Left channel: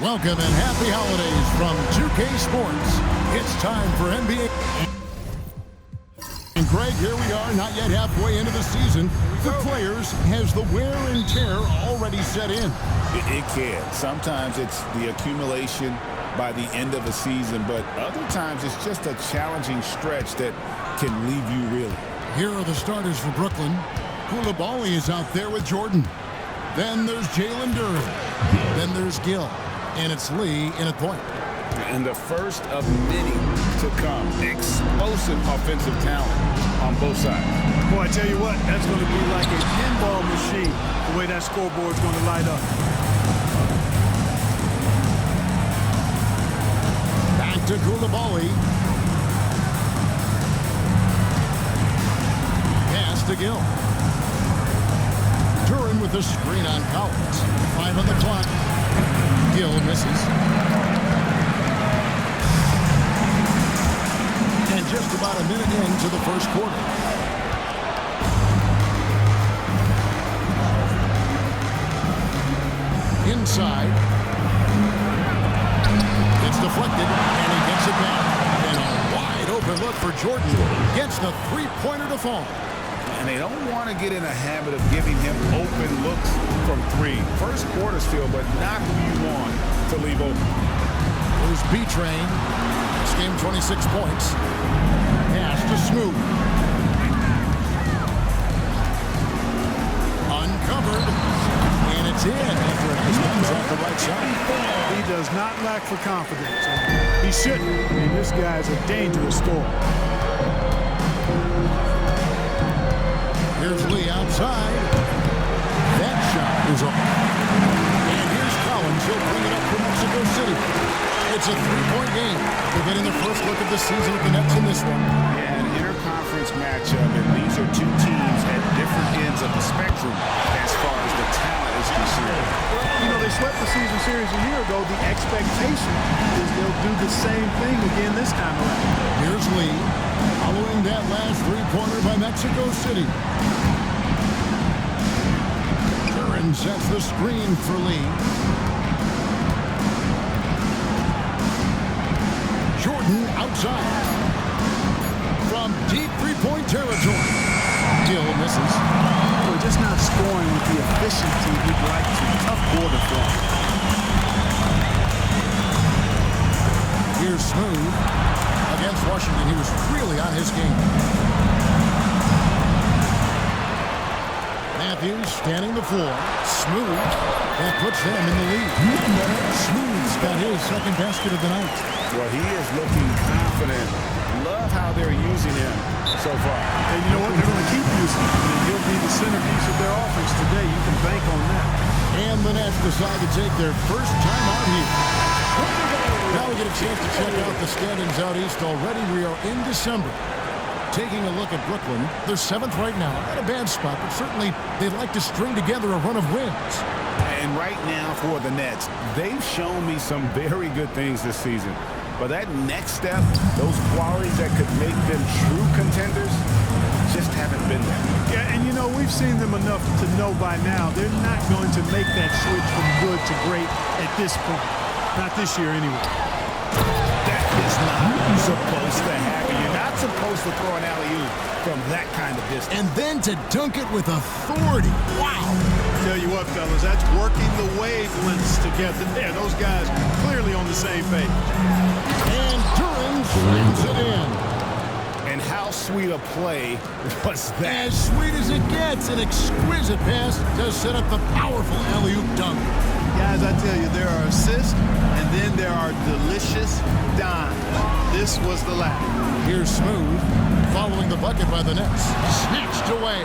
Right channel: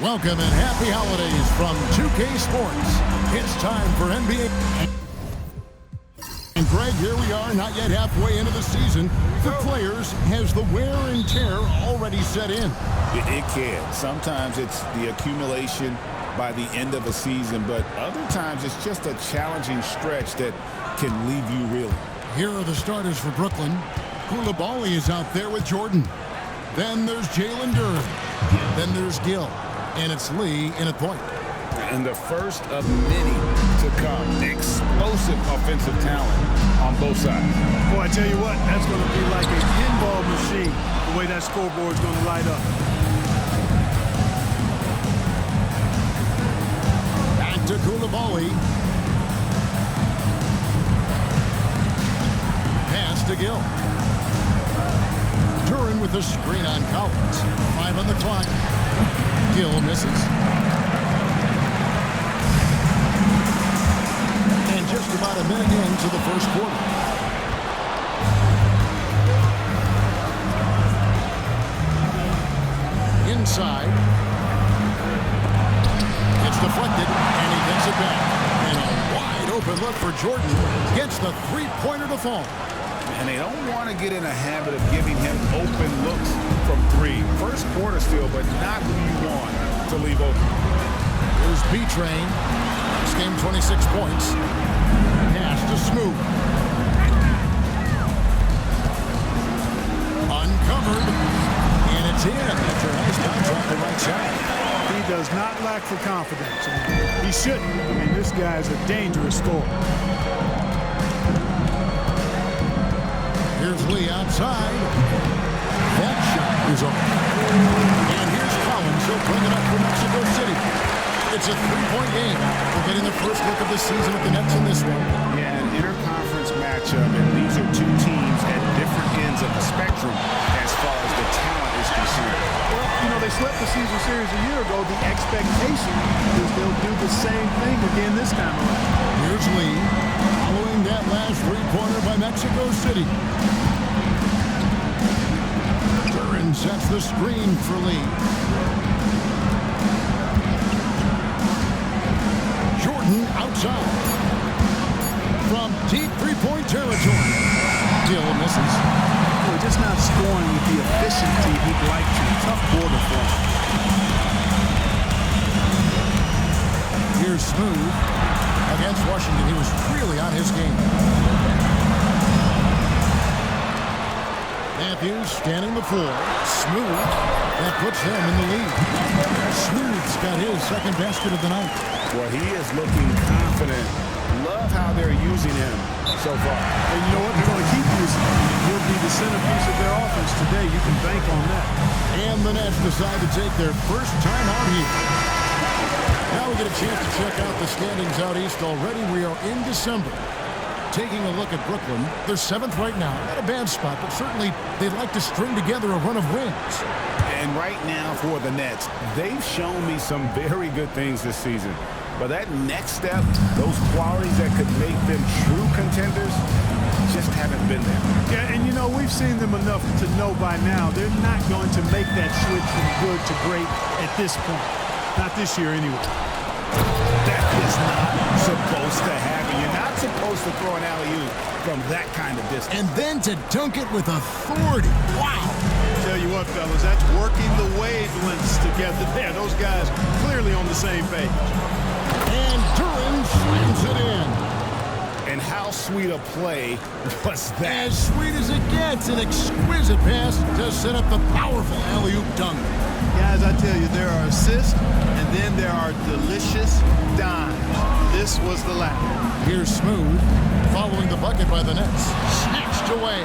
Welcome and happy holidays from 2K Sports. It's time for NBA. And Greg, here we are, not yet halfway into the season. For players, has the wear and tear already set in? It can. Sometimes it's the accumulation by the end of a season, but other times it's just a challenging stretch that can leave you reeling. Here are the starters for Brooklyn. Koulibaly is out there with Jordan. Then there's Jalen Duren. Then there's Gill. And it's Lee in at point. And the first of many to come. Explosive offensive talent on both sides. Boy, I tell you what, that's going to be like a pinball machine, the way that scoreboard's going to light up. Back to Koulibaly. Pass to Gill. Duren with the screen on Collins. 5 on the clock. Gill misses. And just about a minute into the first quarter. Inside. It's deflected, and he gets it back. And a wide open look for Jordan. Gets the three-pointer to fall. And they don't want to get in a habit of giving him open looks from three. First quarter still, but not who you want to leave open. Here's B-Train. This game 26 points. Pass to Smooth. Uncovered. And it's in after a nice bounce off the right side. He does not lack for confidence. And he shouldn't. I mean, this guy's a dangerous scorer. Here's Lee outside. That shot is off. And here's Collins. He'll bring it up for Mexico City. It's a three-point game. They're getting their first look of the season at the Nets in this one. Yeah, an interconference matchup, and these are two teams at different ends of the spectrum as far as the talent is concerned. Well, you know, they swept the season series a year ago. The expectation is they'll do the same thing again this time around. Here's Lee, following that last three-pointer by Mexico City. Duren sets the screen for Lee. Jordan outside. From deep three-point territory. Gill misses. Boy, just not scoring with the efficiency he'd like to. Tough quarter for him. Here's Smooth. Against Washington, he was really on his game. Matthews standing the floor. Smooth. That puts them in the lead. Smooth's got his second basket of the night. Well, he is looking confident. Love how they're using him so far. And you know what? They're going to keep using him. I mean, he'll be the centerpiece of their offense today. You can bank on that. And the Nets decide to take their first time out here. Now we get a chance to check out the standings out east already. We are in December. Taking a look at Brooklyn, they're 7th right now. Not a bad spot, but certainly they'd like to string together a run of wins. And right now for the Nets, they've shown me some very good things this season. But that next step, those qualities that could make them true contenders, just haven't been there. Yeah, and you know, we've seen them enough to know by now they're not going to make that switch from good to great at this point. Not this year anyway. That is not supposed to happen. You're not supposed to throw an alley-oop from that kind of distance. And then to dunk it with authority. Wow. Tell you what, fellas, that's working the wavelengths together there. Those guys clearly on the same page. And Duren slams it in. And how sweet a play was that? As sweet as it gets, an exquisite pass to set up the powerful alley-oop dunk. Guys, I tell you, there are assists, and then there are delicious dimes. This was the latter. Here's Smooth, following the bucket by the Nets. Snatched away.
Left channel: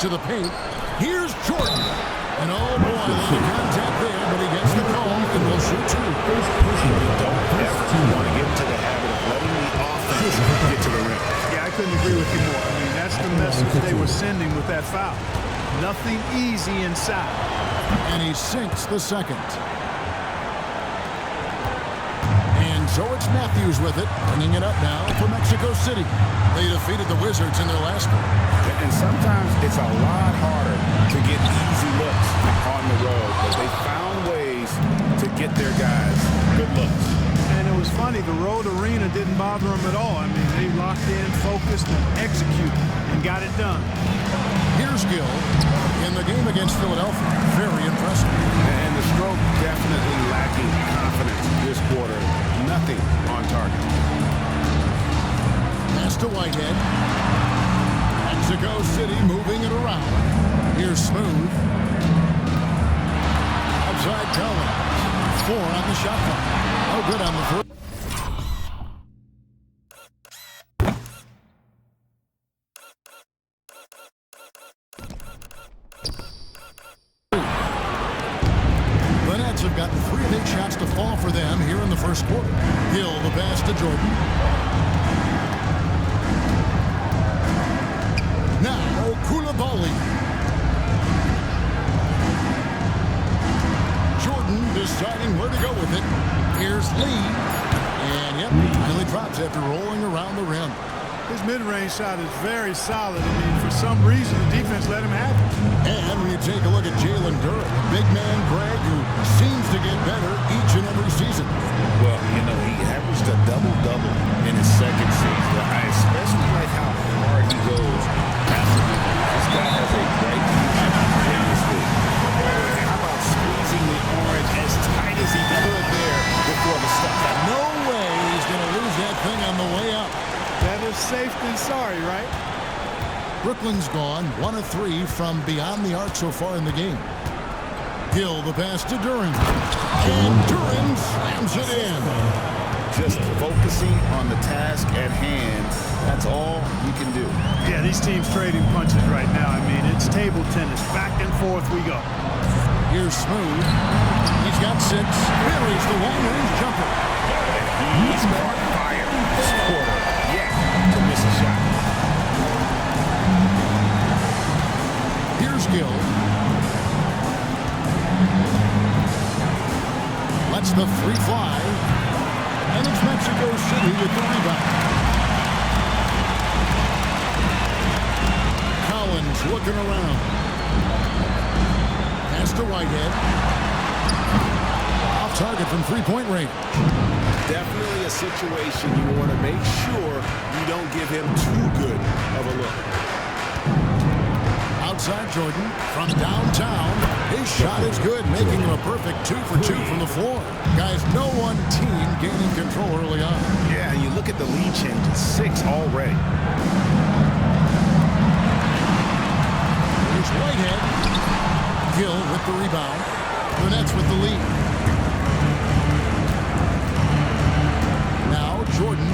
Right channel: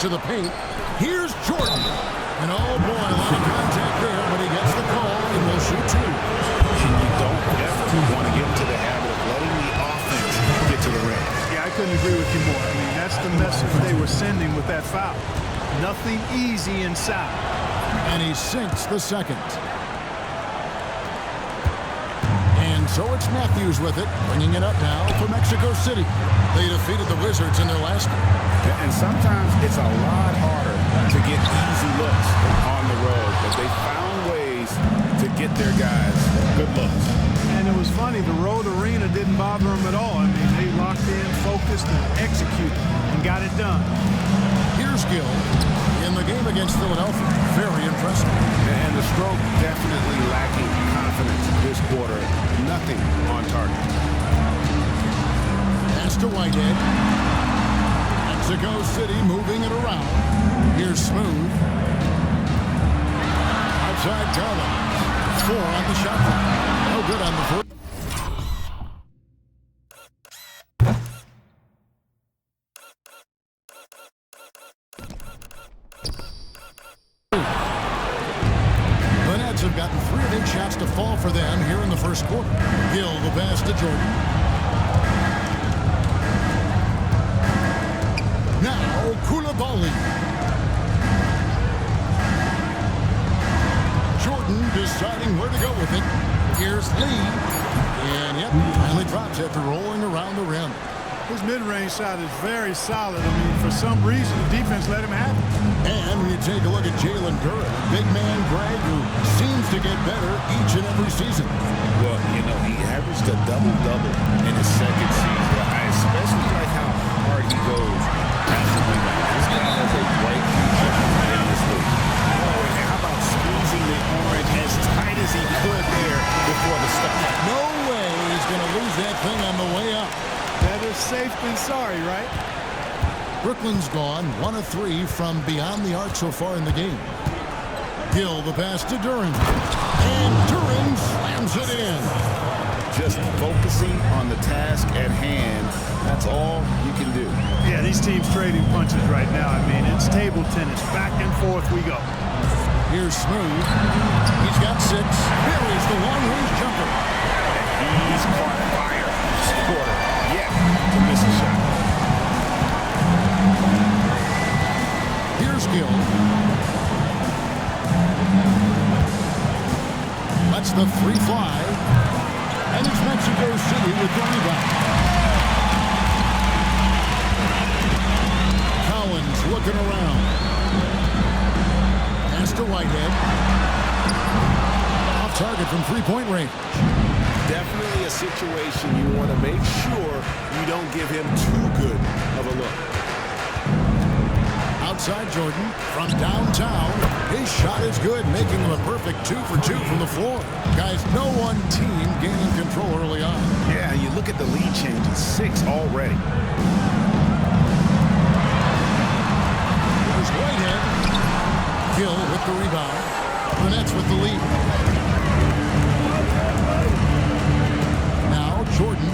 To the paint. Here's Jordan. And oh boy, a lot of contact there, but he gets the call and will shoot two. And you don't ever want to get into the habit of letting the offense get to the rim. Yeah, I couldn't agree with you more. I mean, that's the message they were sending with that foul. Nothing easy inside. And he sinks the second. And so it's Matthews with it, bringing it up now for Mexico City. They defeated the Wizards in their last one. And sometimes it's a lot harder to get easy looks on the road, but they found ways to get their guys good looks. And it was funny, the road arena didn't bother them at all. I mean, they locked in, focused, and executed, and got it done. Here's Gill in the game against Philadelphia. Very impressive. And the stroke definitely lacking confidence this quarter. Nothing on target. Pass to Whitehead. Mexico City moving it around. Here's Smooth. Outside Collins. 4 on the shot clock. No good on the foot. The Nets have gotten 3 of 8 shots to fall for them here in the first quarter. Gill the pass to Jordan. Now Koulibaly. Jordan deciding where to go with it. Here's Lee. And yep, finally drops after rolling around the rim. His mid-range shot is very solid. I mean, for some reason, the defense let him have it. And when you take a look at Jalen Duren, a big man, Greg, who seems to get better each and every season. Well, you know, he averaged a double-double in his second season. I especially like how hard he goes after rebounds. This guy has a bright future in this league. Oh, and how about squeezing the orange as tight as he could there before the stop? No way he's going to lose that thing on the way up. Better safe than sorry, right? Brooklyn's gone 1 of 3 from beyond the arc so far in the game. Gill the pass to Duren. And Duren slams it in. Just focusing on the task at hand, that's all you can do. Yeah, these teams trading punches right now. I mean, it's table tennis. Back and forth we go. Here's Smooth. He's got 6. Buries the long-range jumper. And he's caught fire this quarter yet to miss a shot. Here's Gill. Lets the 3 fly. And it's Mexico City with the rebound. Collins looking around. Pass to Whitehead. Off target from 3-point range. Definitely a situation you want to make sure you don't give him too good of a look. Outside Jordan from downtown. His shot is good, making him a perfect 2 for 2 from the floor. Guys, no one team gaining control early on. Yeah, you look at the lead changes. 6 already. Here's Whitehead. Gill with the rebound. The Nets with the lead. Now Jordan.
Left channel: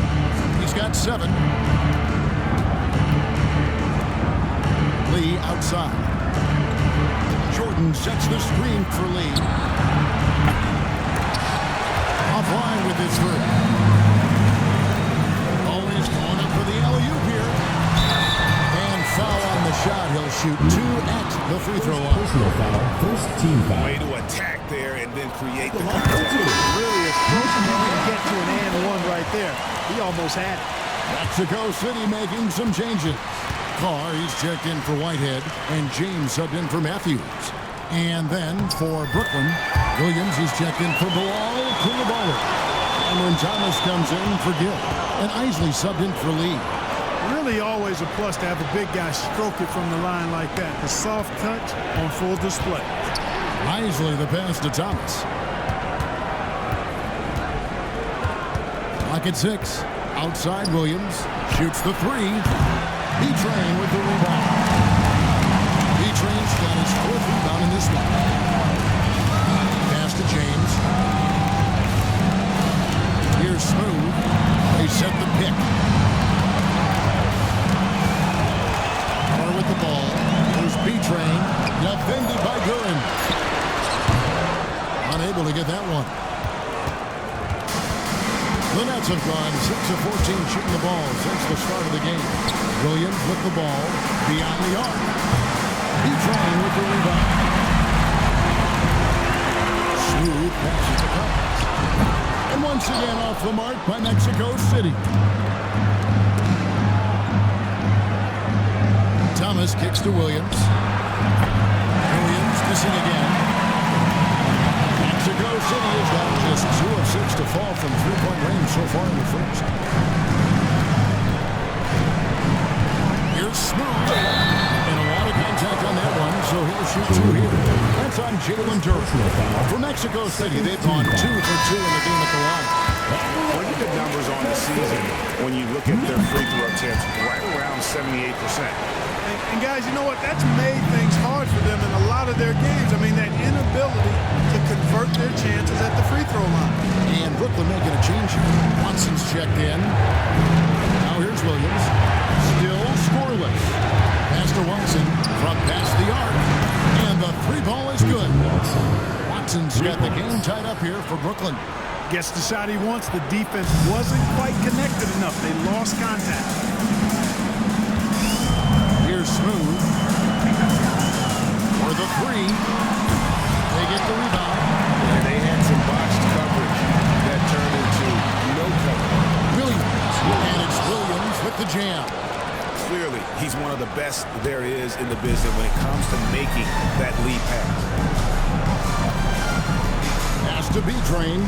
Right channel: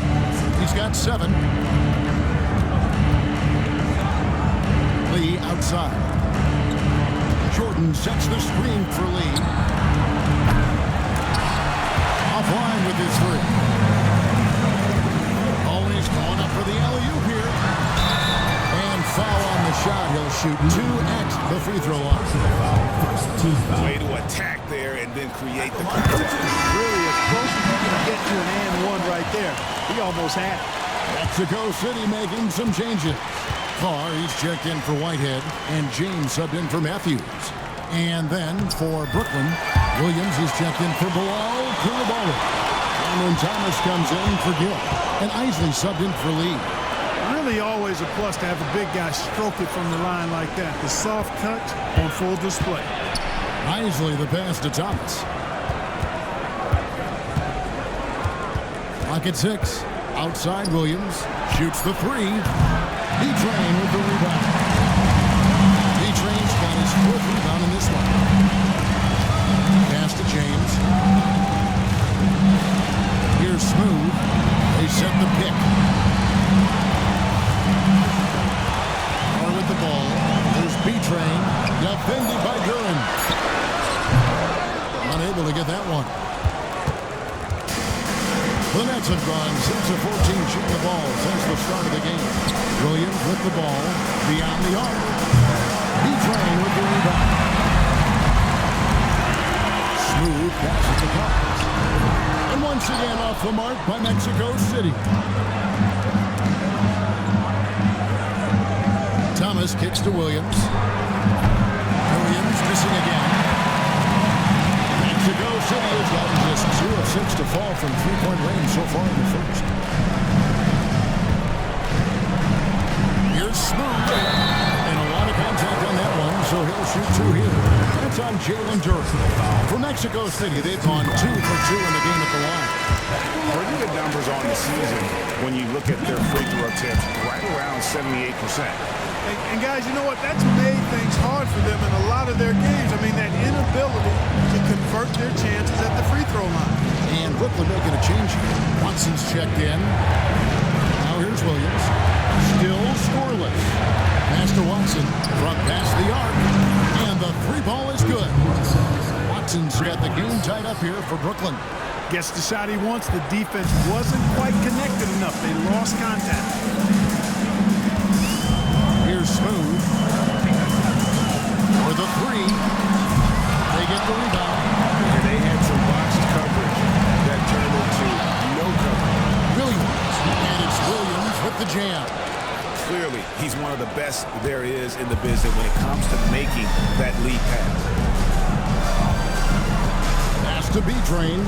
He's got 7. Lee outside. Jordan sets the screen for Lee. Offline with his 3. Always going up for the alley-oop here. And foul on the shot. He'll shoot 2 at the free throw line. Personal foul, first team foul. Way to attack there and then create the contact. Really as close as you can get to an and 1 right there. He almost had it. Mexico City making some changes. Carr, he's checked in for Whitehead, and James subbed in for Matthews. And then for Brooklyn, Williams, he's checked in for Bilal Koulibaly. Cameron Thomas comes in for Gill, and Isley subbed in for Lee. Really always a plus to have a big guy stroke it from the line like that. The soft touch on full display. Isley the pass to Thomas. Clock at 6. Outside Williams. Shoots the 3. B-Train with the rebound. B-Train's got his 4th rebound in this one. Pass to James. Here's Smooth. They set the pick. Carr with the ball. There's B-Train. Defended by Duren. Unable to get that one. The Nets have gone 6 of 14 shooting the ball since the start of the game. Williams with the ball beyond the arc. B-Train with the rebound. Smooth passes to Collins. And once again off the mark by Mexico City. Thomas kicks to Williams. Williams missing again. Mexico City has gotten just 2 of 6 to fall from three-point range so far in the first. Here's Smooth. And a lot of contact on that one, so he'll shoot 2 here. That's on Jalen Duren. For Mexico City, they've gone 2 for 2 in the game at the line. Pretty good numbers on the season when you look at their free throw attempts, right around 78%. And guys, you know what? That's made things hard for them in a lot of their games. I mean, that inability to convert their chances at the free throw line. And Brooklyn making a change here. Watson's checked in. Now here's Williams. Still scoreless. Pass to Watson. From past the arc. And the 3 ball is good. Watson's got the game tied up here for Brooklyn. Gets the shot he wants. The defense wasn't quite connected enough. They lost contact. Here's Smooth. For the 3. They get the rebound. And they had some botched coverage that turned into no coverage. Williams. And it's Williams with the jam. Clearly, he's one of the best there is in the business when it comes to making that lead pass. Pass to B-Train.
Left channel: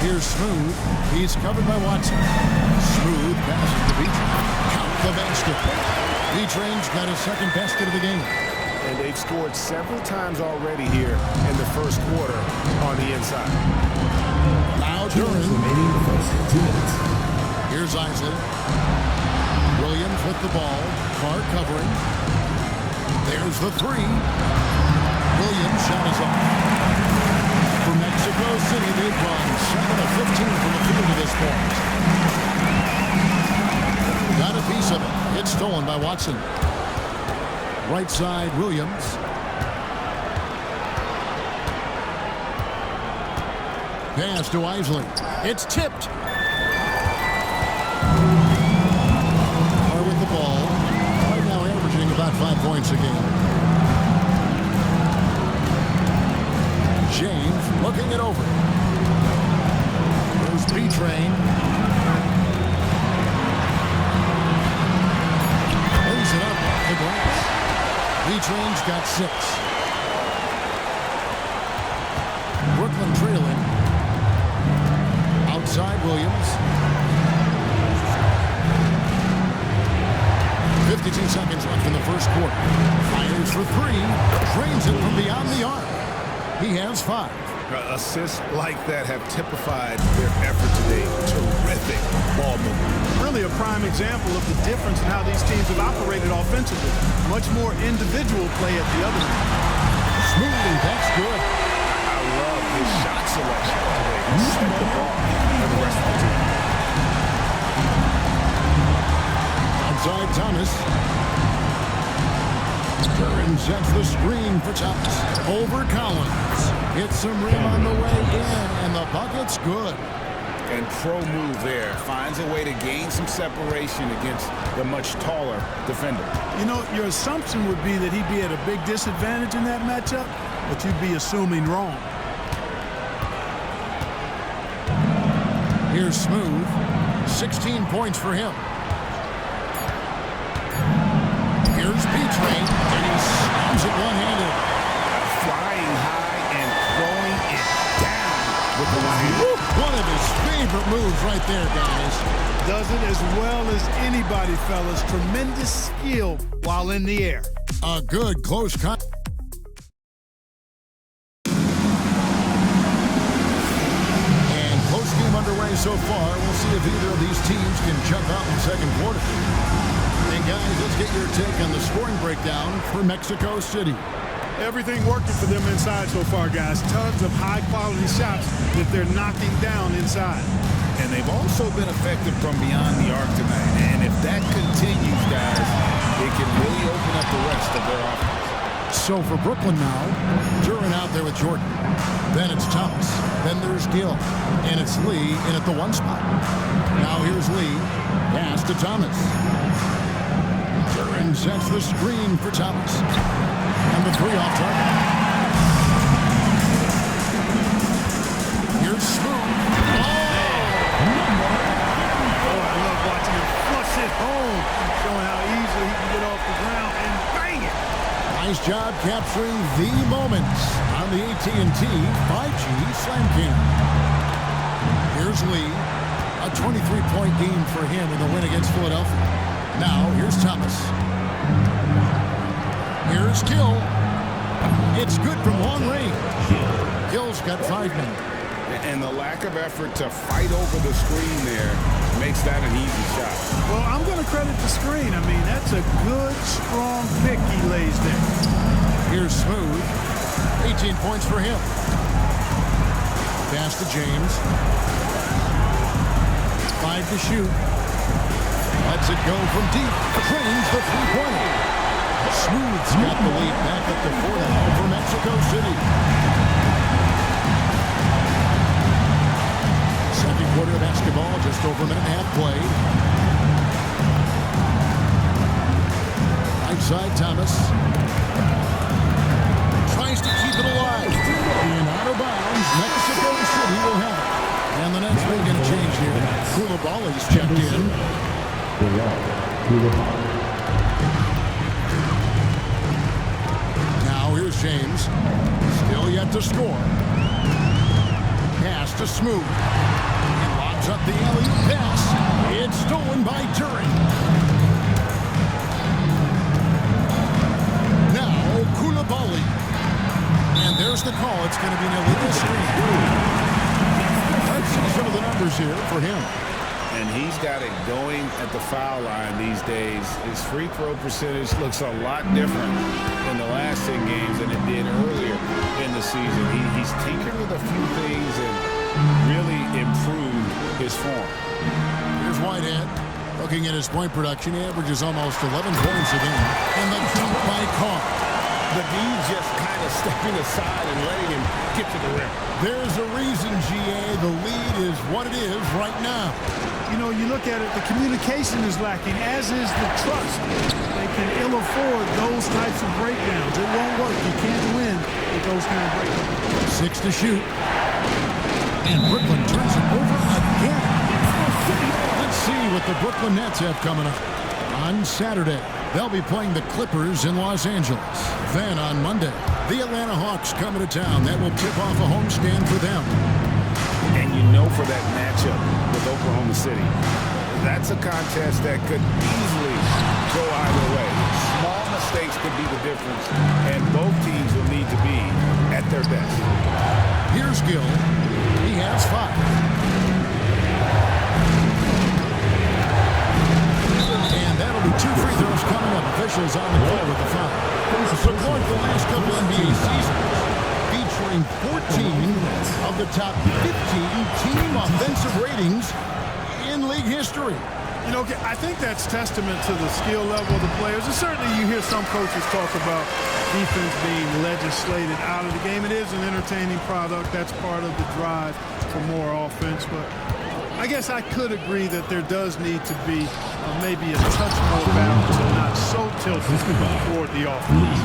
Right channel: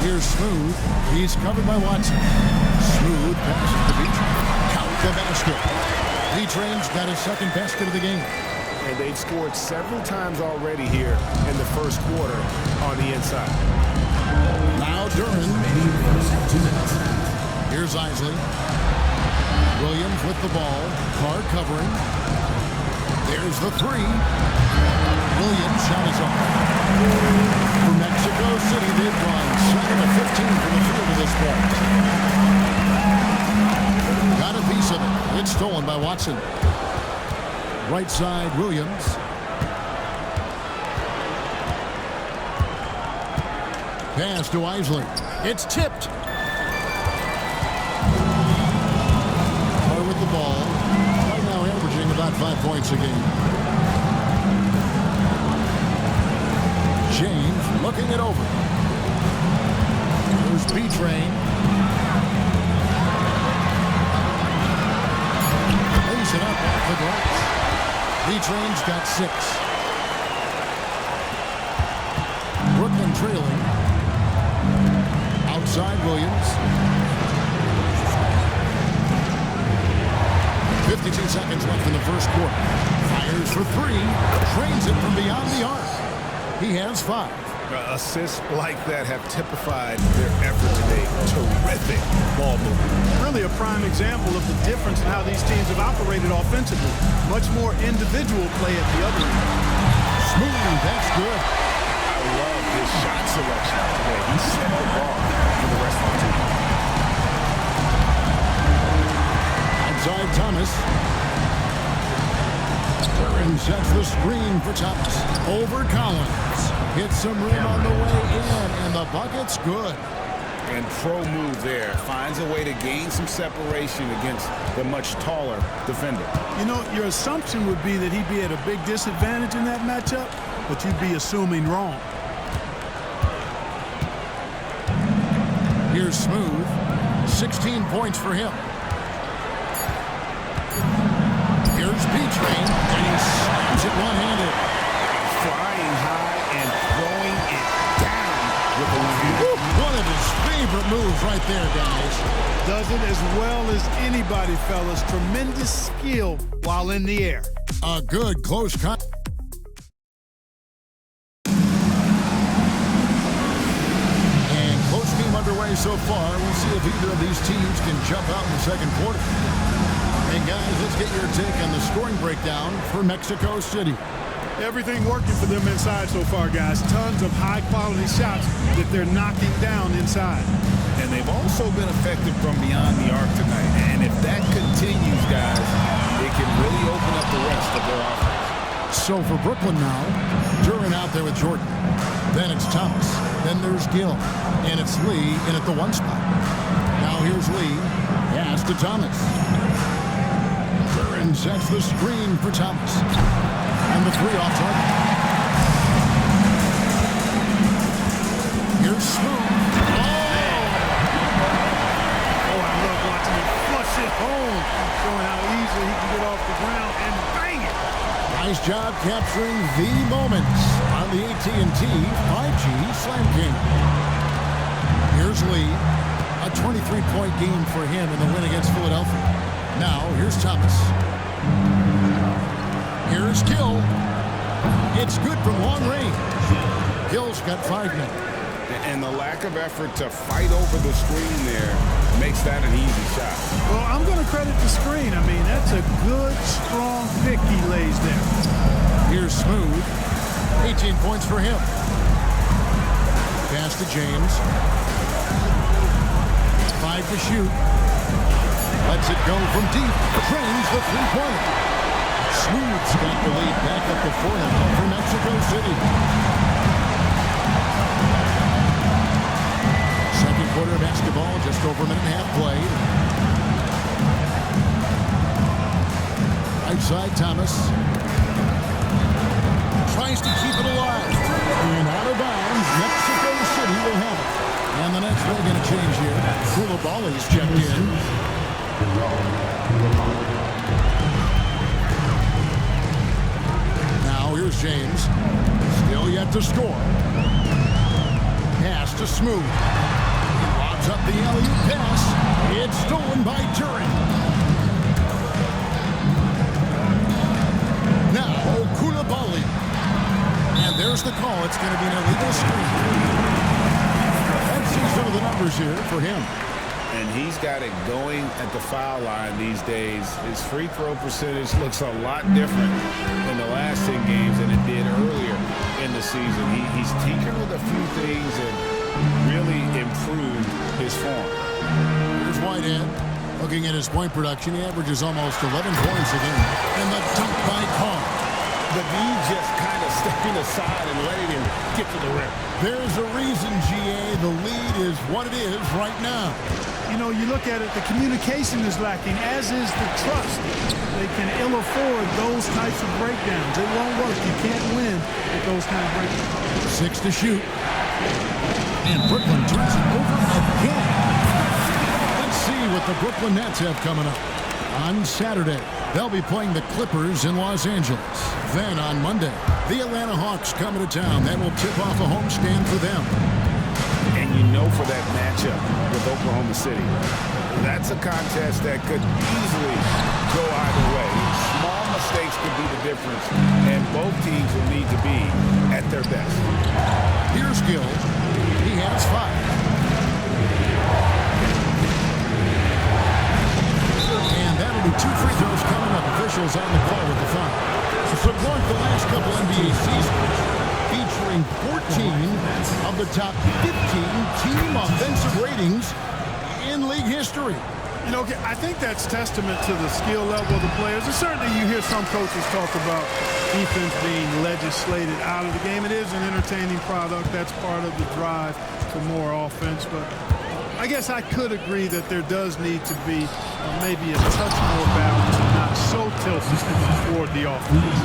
Here's Smooth. He's covered by Watson. Smooth passes to B-Train. Count the basket. B-Train's got his second basket of the game. And they've scored several times already here in the first quarter on the inside. Now Duren. First 2 minutes. Here's Isley. Williams with the ball. Carr covering. There's the 3. Williams' shot is off. For Mexico City, they've gone 7 of 15 from the field to this point. Got a piece of it. It's stolen by Watson. Right side, Williams. Pass to Isley. It's tipped. Carr with the ball. Right now averaging about 5 points a game. James looking it over. There's B-Train. Lays it up off the glass. B-Train's got 6. Brooklyn trailing. Outside Williams. 52 seconds left in the first quarter. Fires for 3. Drains it from beyond the arc. He has 5. Assists like that have typified their effort today. Terrific ball movement. Really a prime example of the difference in how these teams have operated offensively. Much more individual play at the other end. Smooth, that's good. I love his shot selection today. He set the bar for the rest of the team. Outside Thomas. Duren sets the screen for Thomas. Over Collins. Hits some rim on the way in, and the bucket's good. And pro move there. Finds a way to gain some separation against the much taller defender. You know, your assumption would be that he'd be at a big disadvantage in that matchup, but you'd be assuming wrong. Here's Smooth. 16 points for him. Here's B-Train, and he slams it one-handed. Flying high and throwing it down with the one-handed. One of his favorite moves right there, guys. Does it as well as anybody, fellas. Tremendous skill while in the air. A good close cut. And close game underway so far. We'll see if either of these teams can jump out in the second quarter. And guys, let's get your take on the scoring breakdown for Mexico City. Everything working for them inside so far, guys. Tons of high-quality shots that they're knocking down inside. And they've also been effective from beyond the arc tonight. And if that continues, guys, it can really open up the rest of their offense. So for Brooklyn now, Duren out there with Jordan. Then it's Thomas. Then there's Gill. And it's Lee in at the 1 spot. Now here's Lee. Pass to Thomas. Duren sets the screen for Thomas. And the 3 off target. Here's Smooth. Oh, I love watching him flush it home, showing how easily he can get off the ground and bang it. Nice job capturing the moments on the AT&T 5G Slam Cam. Here's Lee. A 23-point game for him in the win against Philadelphia. Now, here's Thomas. Here's Gill. It's good from long range. Gill's got 5 now. And the lack of effort to fight over the screen there makes that an easy shot. Well, I'm going to credit the screen. I mean, that's a good, strong pick he lays there. Here's Smooth. 18 points for him. Pass to James. 5 to shoot. Lets it go from deep. Drains the three-pointer. Smooth's got the lead back up to 4 now for Mexico City. Second quarter of basketball, just over a minute and a half played. Right side, Thomas. Tries to keep it alive. And out of bounds, Mexico City will have it. And the Nets making a change here. Koulibaly's checked in. Now here's James. Still yet to score. Pass to Smooth. He lobs up the alley-oop pass. It's stolen by Duren. Now Koulibaly. And there's the call. It's going to be an illegal screen. Let's see some of the numbers here for him. And he's got it going at the foul line these days. His free throw percentage looks a lot different in the last 10 games than it did earlier in the season. He's tinkered with a few things and really improved his form. Here's Whitehead. Looking at his point production, he averages almost 11 points a game. And the dunk by Carr. The D just kind of stepping aside and letting him get to the rim. There's a reason, GA. The lead is what it is right now. You know, you look at it, the communication is lacking, as is the trust. They can ill afford those types of breakdowns. It won't work. You can't win with those kind of breakdowns. 6 to shoot. And Brooklyn turns it over again. Let's see what the Brooklyn Nets have coming up. On Saturday, they'll be playing the Clippers in Los Angeles. Then on Monday, the Atlanta Hawks coming to town. That will tip off a homestand for them. And you know, for that matchup with Oklahoma City, that's a contest that could easily go either way. Small mistakes could be the difference, and both teams will need to be at their best. Here's Gill. He has 5. And that'll be 2 free throws coming up. Officials on the call with the foul. So Clark, the last couple NBA seasons featuring 14 of the top 15 team offensive ratings in league history. You know, I think that's testament to the skill level of the players. And certainly you hear some coaches talk about defense being legislated out of the game. It is an entertaining product. That's part of the drive for more offense. But I guess I could agree that there does need to be maybe a touch more balance and not so tilted toward the offense.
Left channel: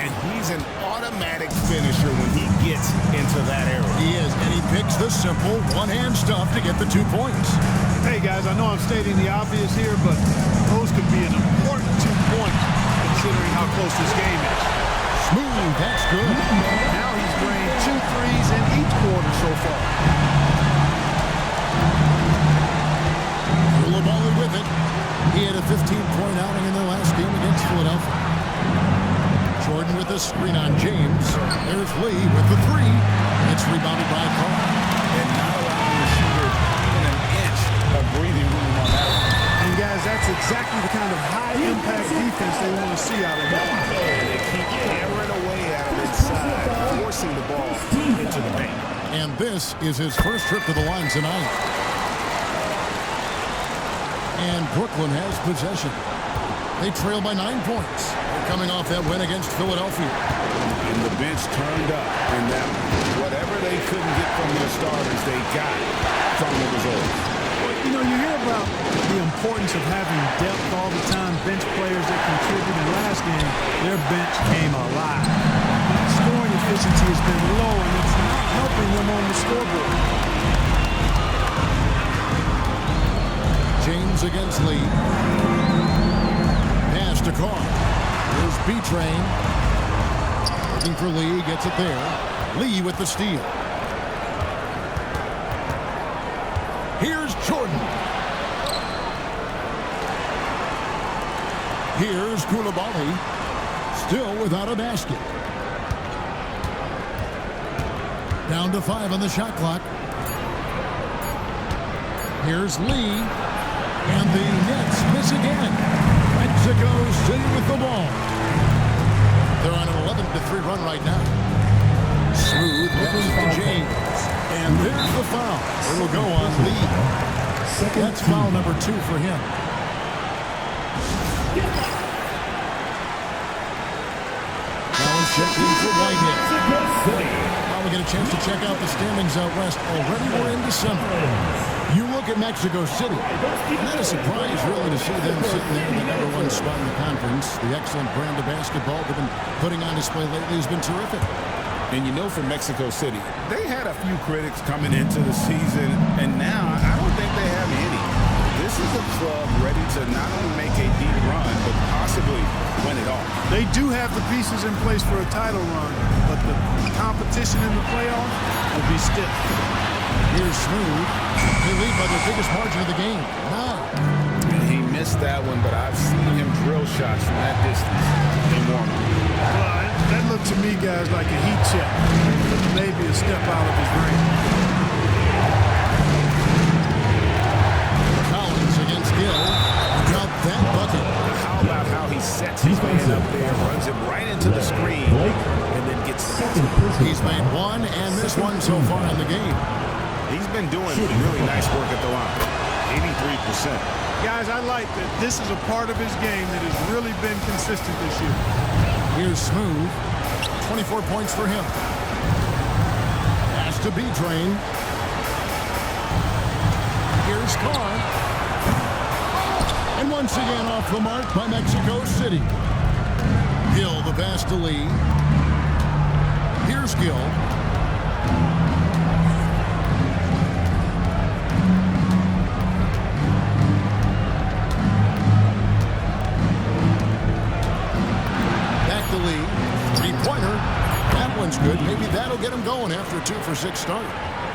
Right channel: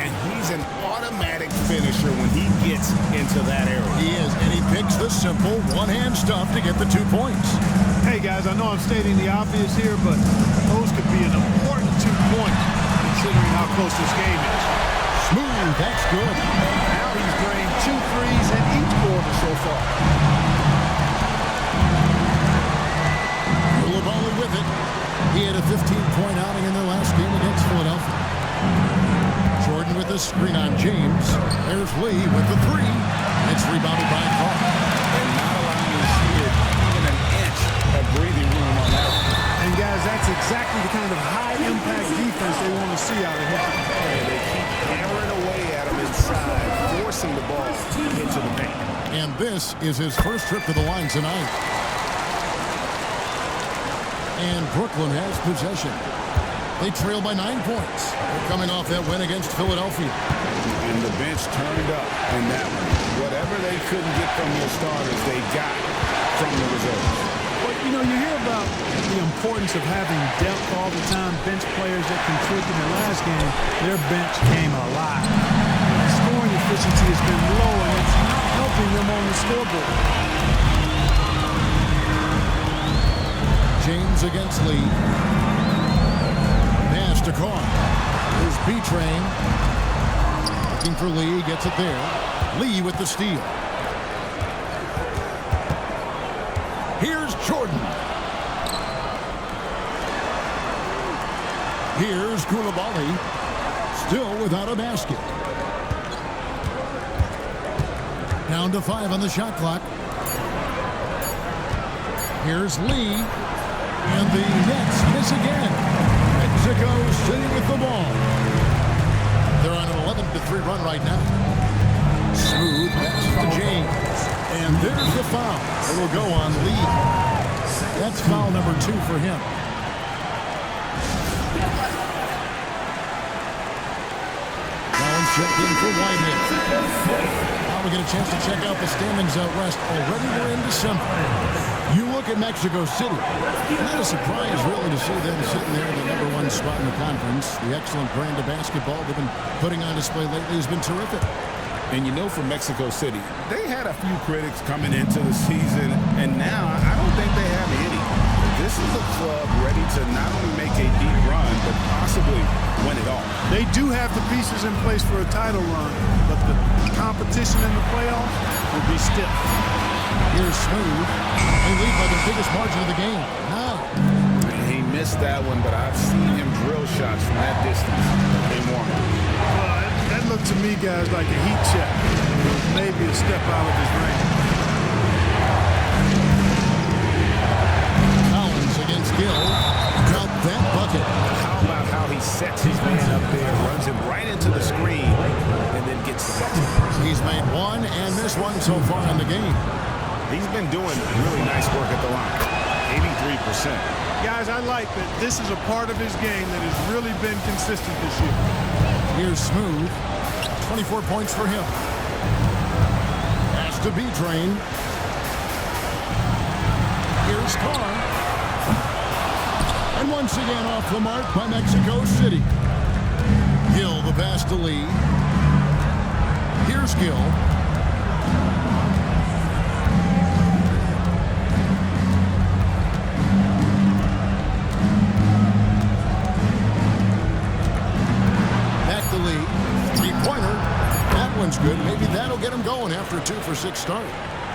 And he's an automatic finisher when he gets into that area. He is, and he picks the simple one-hand stuff to get the 2 points. Hey, guys, I know I'm stating the obvious here, but those could be an important 2 points considering how close this game is. Smooth, that's good. Now he's drained 2 threes in each quarter so far. Koulibaly with it. He had a 15-point outing in their last game against Philadelphia. Jordan with a screen on James. There's Lee with the 3. It's rebounded by Carr. And not allowing the shooter even an inch of breathing room on that one. And guys, that's exactly the kind of high-impact defense they want to see out of him. And they keep hammering away at him inside, forcing the ball into the paint. And this is his first trip to the line tonight. And Brooklyn has possession. They trail by 9 points. They're coming off that win against Philadelphia. And the bench turned up in that one. Whatever they couldn't get from their starters, they got from the reserves. Well, you know, you hear about the importance of having depth all the time, bench players that contribute. In last game, their bench came alive. Scoring efficiency has been low, and it's not helping them on the scoreboard. James against Lee. Pass to Carr. Here's B-Train. Looking for Lee. Gets it there. Lee with the steal. Here's Jordan. Here's Koulibaly. Still without a basket. Down to 5 on the shot clock. Here's Lee. And the Nets miss again. Mexico City with the ball. They're on an 11-3 run right now. Smooth passes to James. And there's the foul. It'll go on Lee. That's foul number 2 for him. Collins checked in for Whitehead. Now we get a chance to check out the standings out west. Already we're in December. You look at Mexico City. Not a surprise, really, to see them sitting there in the #1 spot in the conference. The excellent brand of basketball they've been putting on display lately has been terrific. And you know, for Mexico City, they had a few critics coming into the season, and now I don't think they have any. This is a club ready to not only make a deep run, but possibly win it all. They do have the pieces in place for a title run, but the competition in the playoffs will be stiff. Here's Smooth. They lead by their biggest margin of the game, 9. He missed that one, but I've seen him drill shots from that distance in warm-up. Well, that looked to me, guys, like a heat check. It was maybe a step out of his range. Collins against Gill. Got that bucket. How about how he sets his man up there, runs him right into the screen, and then gets the basket. He's made 1 and missed 1 so far in the game. He's been doing really nice work at the line. 83%. Guys, I like that this is a part of his game that has really been consistent this year. Here's Smooth. 24 points for him. Has to B-Train. Here's Carr. And once again off the mark by Mexico City. Gill the pass to Lee. Here's Gill. Back to Lee. 3-pointer. That one's good. Maybe that'll get him going after a 2-for-6 start.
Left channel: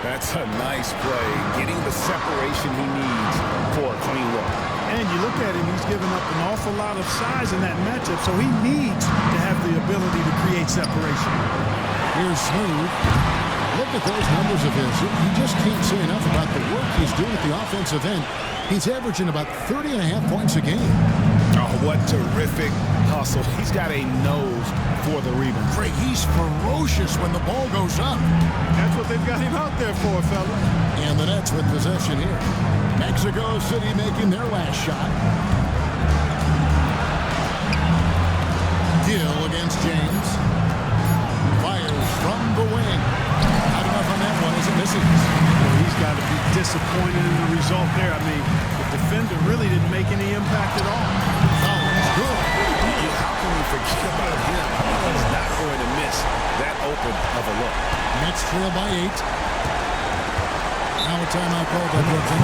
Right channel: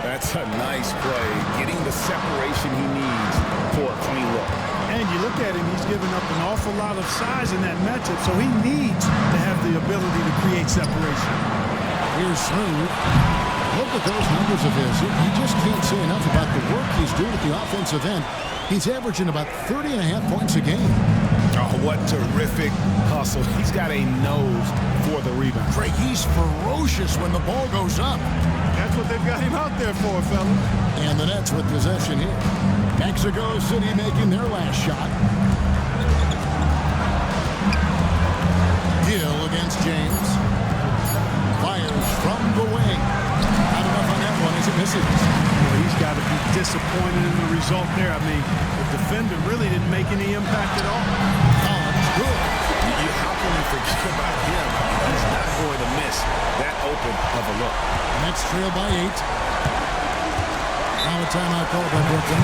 That's a nice play, getting the separation he needs for a clean look. And you look at him, he's given up an awful lot of size in that matchup, so he needs to have the ability to create separation. Here's Smooth. Look at those numbers of his. You just can't say enough about the work he's doing at the offensive end. He's averaging about 30.5 points a game. Oh, what terrific hustle. He's got a nose for the rebound. Craig, he's ferocious when the ball goes up. That's what they've got him out there for, fellas. And the Nets with possession here. Mexico City making their last shot. Gill against James. Fires from the wing. Not enough on that one as it misses. Boy, he's got to be disappointed in the result there. I mean, the defender really didn't make any impact at all. Collins, good. How can we forget about him? I mean, he's not going to miss that open of a look. Nets trail by 8. Now a timeout call by Brooklyn.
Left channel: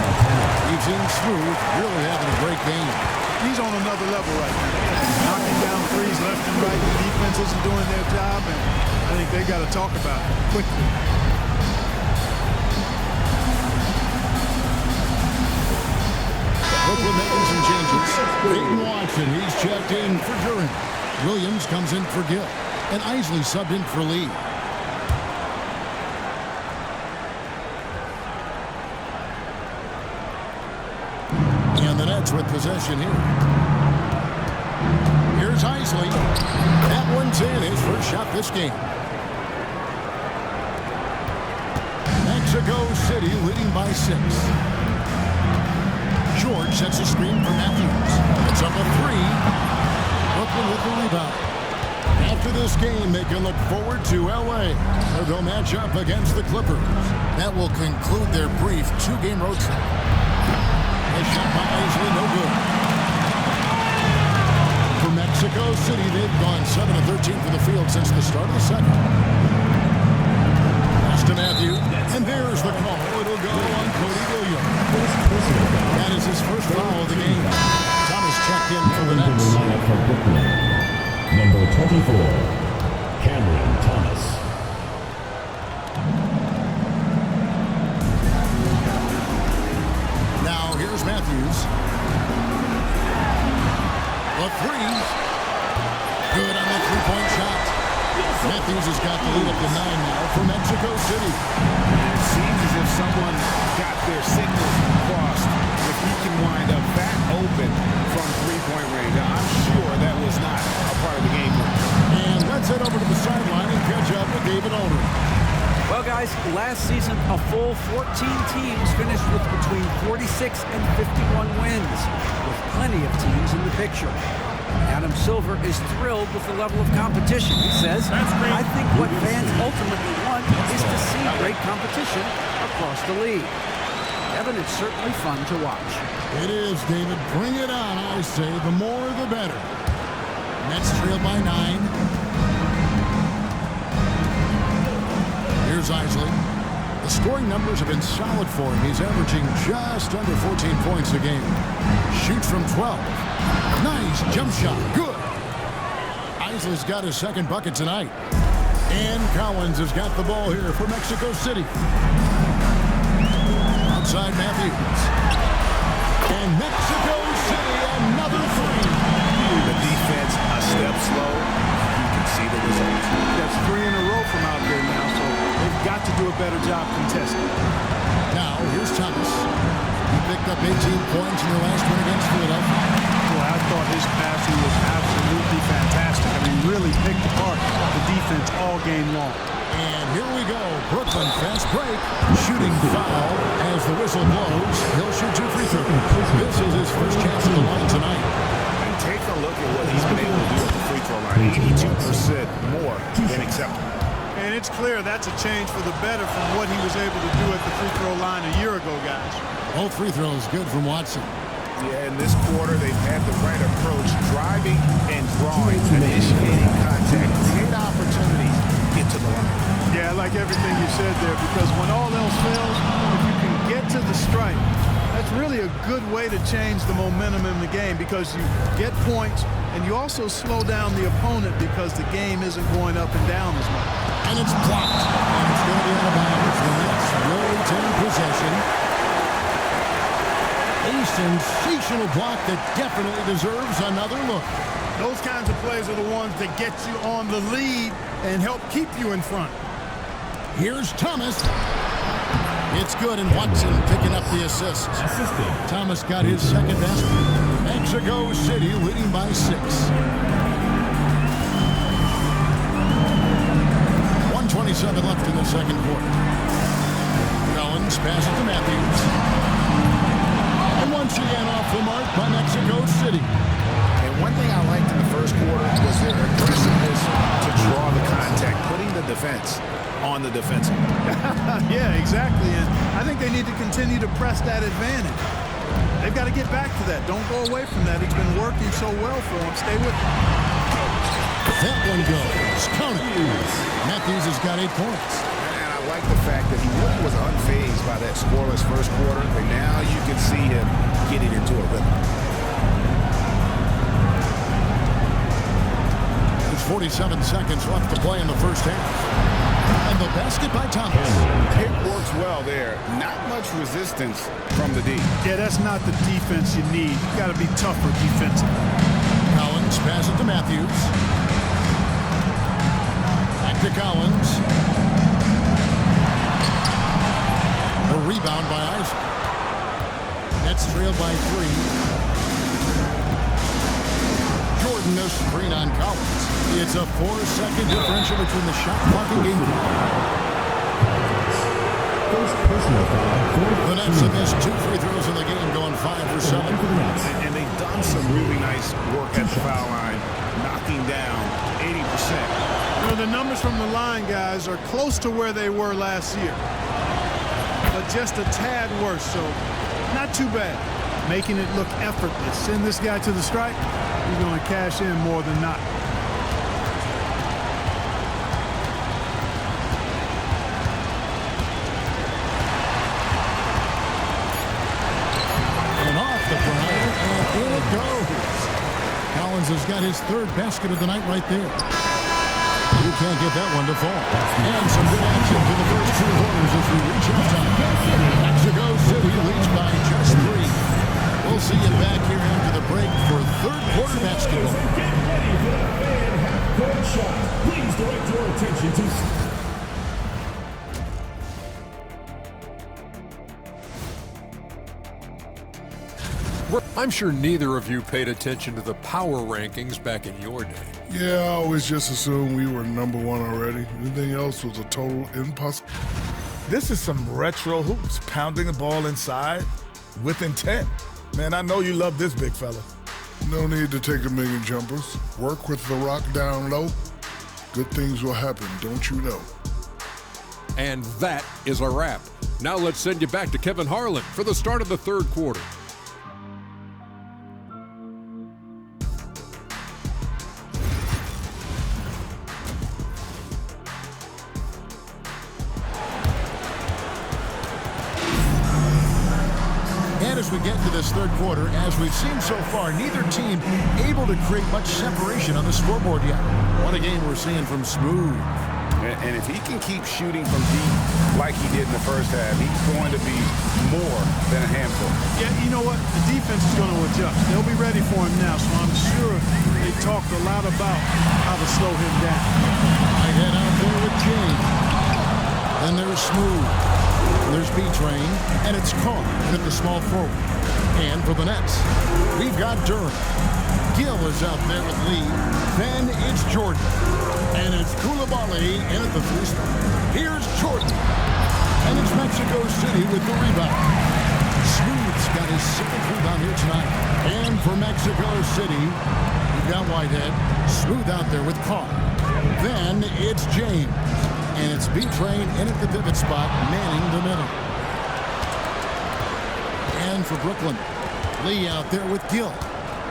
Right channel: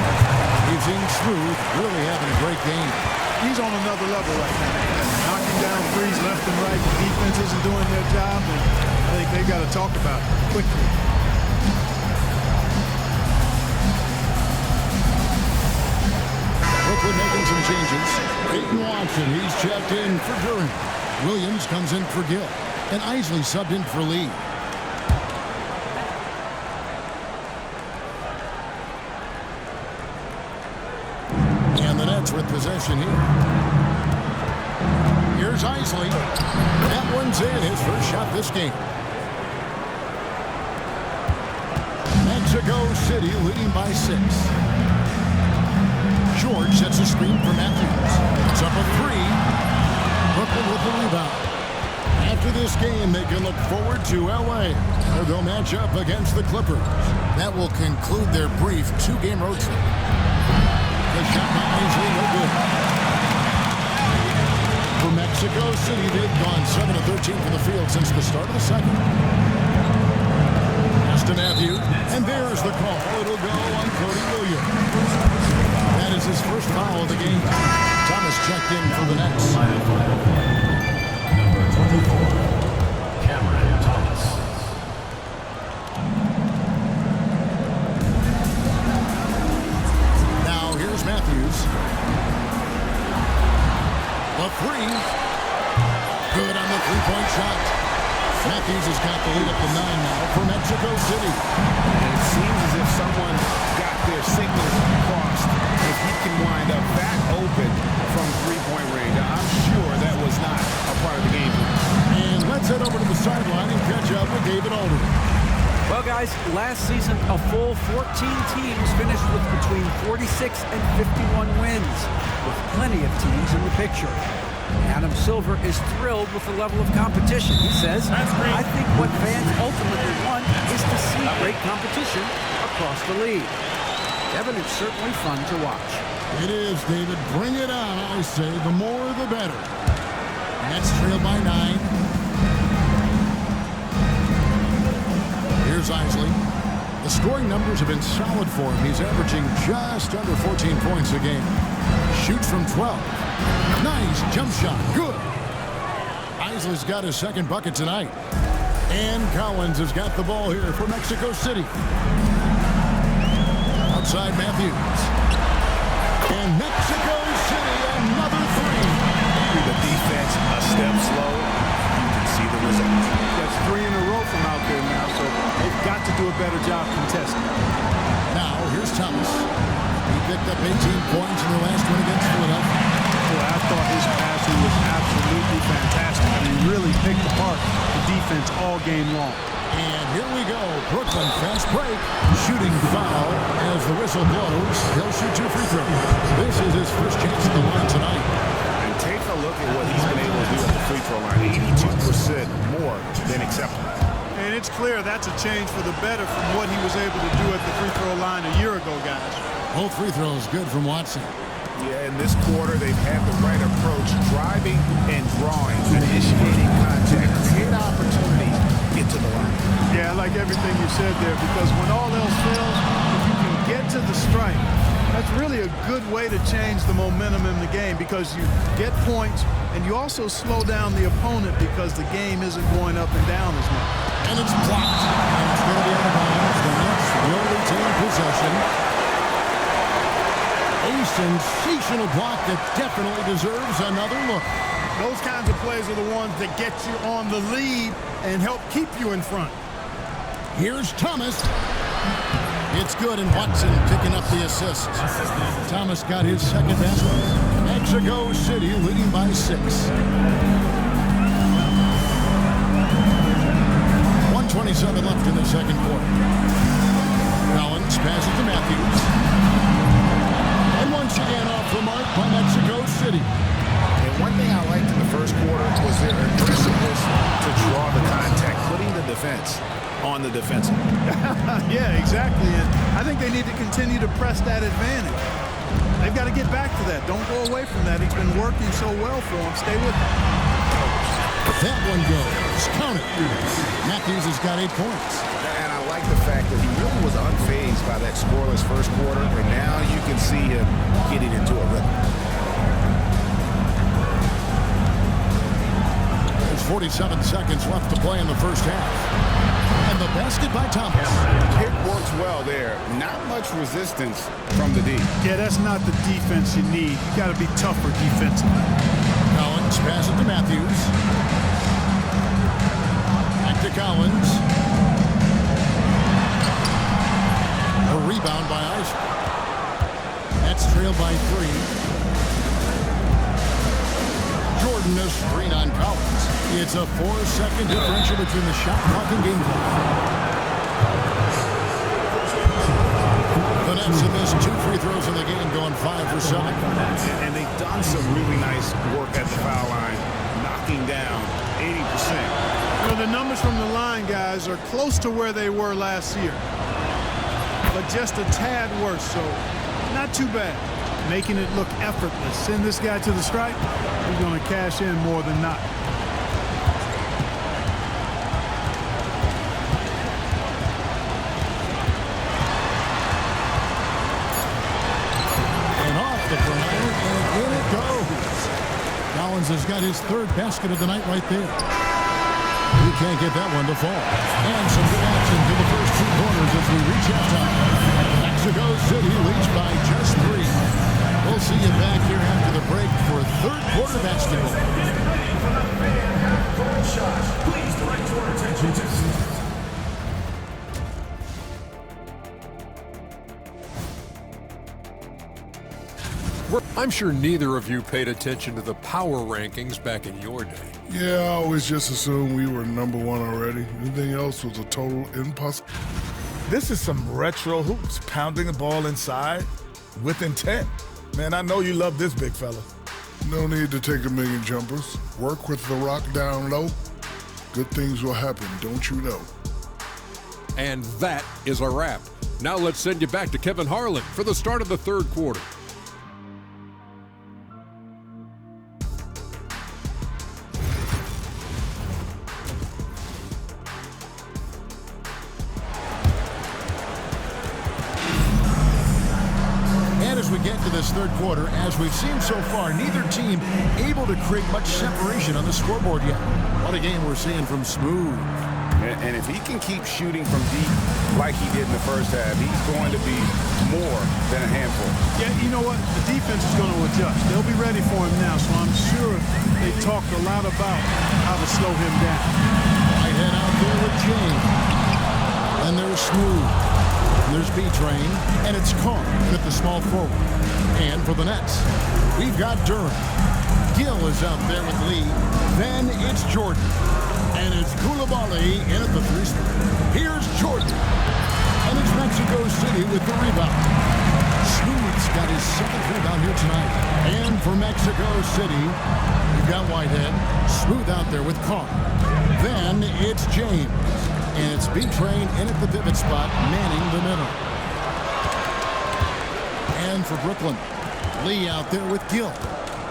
We've seen Smooth really having a great game. He's on another level right now. Knocking down threes left and right. The defense isn't doing their job, and I think they got to talk about it quickly. Brooklyn making some changes. Peyton Watson, he's checked in for Duran. Williams comes in for Gill. And Isley subbed in for Lee. And the Nets with possession here. Here's Isley. That one's in, his first shot this game. Mexico City leading by 6. George sets a screen for Matthews. It's up a 3. Brooklyn with the rebound. After this game, they can look forward to L.A., where they'll match up against the Clippers. That will conclude their brief 2-game road trip. The shot by Isley, no good. For Mexico City, they've gone 7 of 13 from the field since the start of the second. Pass Pass to Matthew. And there's the call. It'll go on Cody Williams. That is his first foul of the game. Thomas checked in for the Nets. Number 24, Cameron Thomas. Now here's Matthews. The three. Good on the three-point shot. Matthews has got the lead up to 9 now for Mexico City. And it seems as if someone got their signals crossed. If he can wind up that open from three-point range, I'm sure that was not a part of the game plan. And let's head over to the sideline and catch up with David Aldridge. Well, guys, last season, a full 14 teams finished with between 46 and 51 wins, with plenty of teams in the picture. Adam Silver is thrilled with the level of competition. He says, I think what fans ultimately want is to see great competition across the league. Devin, it's certainly fun to watch. It is, David. Bring it on, I say. The more, the better. Nets trail by 9. Here's Isley. The scoring numbers have been solid for him. He's averaging just under 14 points a game. Shoots from 12. Nice jump shot. Good. Isley's got his second bucket tonight. And Collins has got the ball here for Mexico City. Outside Matthews. And Mexico City, another three. The defense a step slow. You can see the results. That's 3 in a row from out there now, so they've got to do a better job contesting. Now, here's Thomas. He picked up 18 points in their last win against Philadelphia. Boy, I thought his passing was absolutely fantastic. I mean, really picked apart the defense all game long. And here we go. Brooklyn fast break. Shooting foul as the whistle blows. He'll shoot 2 free throws. This is his first chance at the line tonight. And take a look at what he's been able to do at the free throw line. 82% more than acceptable. And it's clear that's a change for the better from what he was able to do at the free throw line a year ago, guys. Both free throws good from Watson. Yeah, in this quarter, they've had the right approach, driving and drawing, initiating contact, create opportunities, get to the line. Yeah, I like everything you said there, because when all else fails, if you can get to the stripe, that's really a good way to change the momentum in the game, because you get points and you also slow down the opponent because the game isn't going up and down as much. And it's blocked, and it's going to be out of bounds. The Nets will retain possession. A sensational block that definitely deserves another look. Those kinds of plays are the ones that get you on the lead and help keep you in front. Here's Thomas. It's good, and Watson picking up the assist. Thomas got his second basket. Mexico City leading by 6. 1:27 left in the second quarter. Collins passes to Matthews. And once again off the mark by Mexico City. And one thing I liked in the first quarter was their aggressiveness to draw the contact, putting the defense on the defensive. Yeah, exactly. And I think they need to continue to press that advantage. They've got to get back to that. Don't go away from that. It's been working so well for them. Stay with it. That one goes. Count it. Matthews has got 8 points. And I like the fact that he really was unfazed by that scoreless first quarter. And now you can see him getting into a rhythm. There's 47 seconds left to play in the first half. And the basket by Thomas. Pick works well there. Not much resistance from the D. Yeah, that's not the defense you need. You got to be tougher defensively. Collins passes it to Matthews. Back to Collins. The rebound by Isaac. Nets trailed by 3. Jordan a screen on Collins. It's a 4-second differential between the shot clock and game clock. The Nets have missed 2 free throws in the game, going 5 for 7. And they've done some really nice work at the foul line, knocking down 80%. You know, the numbers from the line, guys, are close to where they were last year, but just a tad worse, so not too bad. Making it look effortless. Send this guy to the stripe, he's going to cash in more than not. In it goes. Collins has got his third basket of the night right there. You can't get that one to fall. And some good action through the first 2 quarters as we reach halftime. Mexico City leads by just 3. We'll see you back here after the break for third quarter basketball. Get ready for the fan half-court shot. Please direct your attention to... I'm sure neither of you paid attention to the power rankings back in your day. Yeah, I always just assumed we were number 1 already. Anything else was a total impossible. This is some retro hoops, pounding the ball inside with intent. Man, I know you love this big fella. No need to take a million jumpers. Work with the rock down low. Good things will happen, don't you know? And that is a wrap. Now let's send you back to Kevin Harlan for the start of the third quarter. And as we get to this third quarter, as we've seen so far, neither team able to create much separation on the scoreboard yet. What a game we're seeing from Smooth. And if he can keep shooting from deep like he did in the first half, he's going to be more than a handful. Yeah, you know what? The defense is going to adjust. They'll be ready for him now, so I'm sure they talked a lot about how to slow him down. Whitehead out there with James. And there's Smooth. And there's B-Train. And it's Carr in at the small forward. And for the Nets, we've got Duran. Gill is out there with Lee. Then it's Jordan. And it's Koulibaly in at the 3 spot. Here's Jordan. And it's Mexico City with the rebound. Smooth's got his 7th rebound here tonight. And for Mexico City, we've got Whitehead. Smooth out there with Carr. Then it's James. And it's B-Train in at the pivot spot, manning the middle. And for Brooklyn, Lee out there with Gill.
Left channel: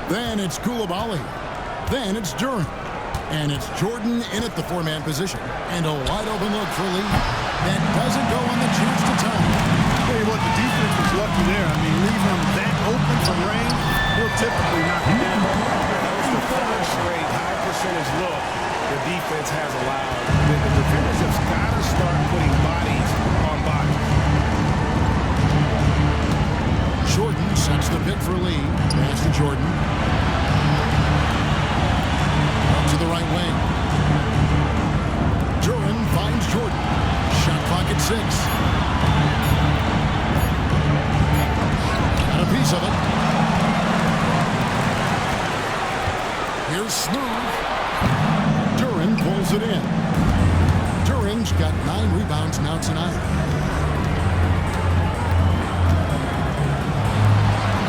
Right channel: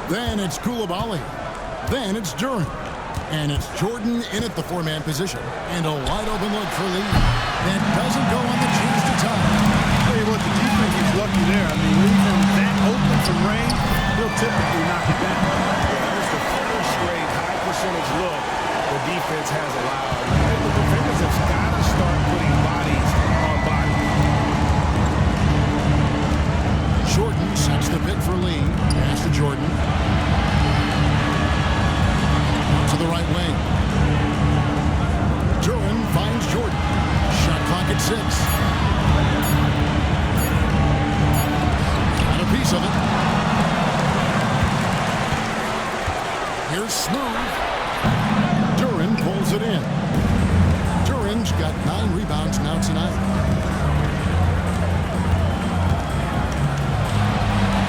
Then it's Koulibaly. Then it's Duran. And it's Jordan in at the 4-man position. And a wide open look for Lee. That doesn't go on the chance to tie. Tell you what, the defense was lucky there. I mean, leave him that open from range, he'll typically knock it down. Yeah, that was the third straight high percentage look the defense has allowed. Then the defenders have got to start putting bodies on bodies. Jordan sets the pick for Lee. Pass to Jordan. Out to the right wing. Duran finds Jordan. Shot clock at 6. Got a piece of it. Here's Smooth. Duran pulls it in. Duran's got 9 rebounds now tonight.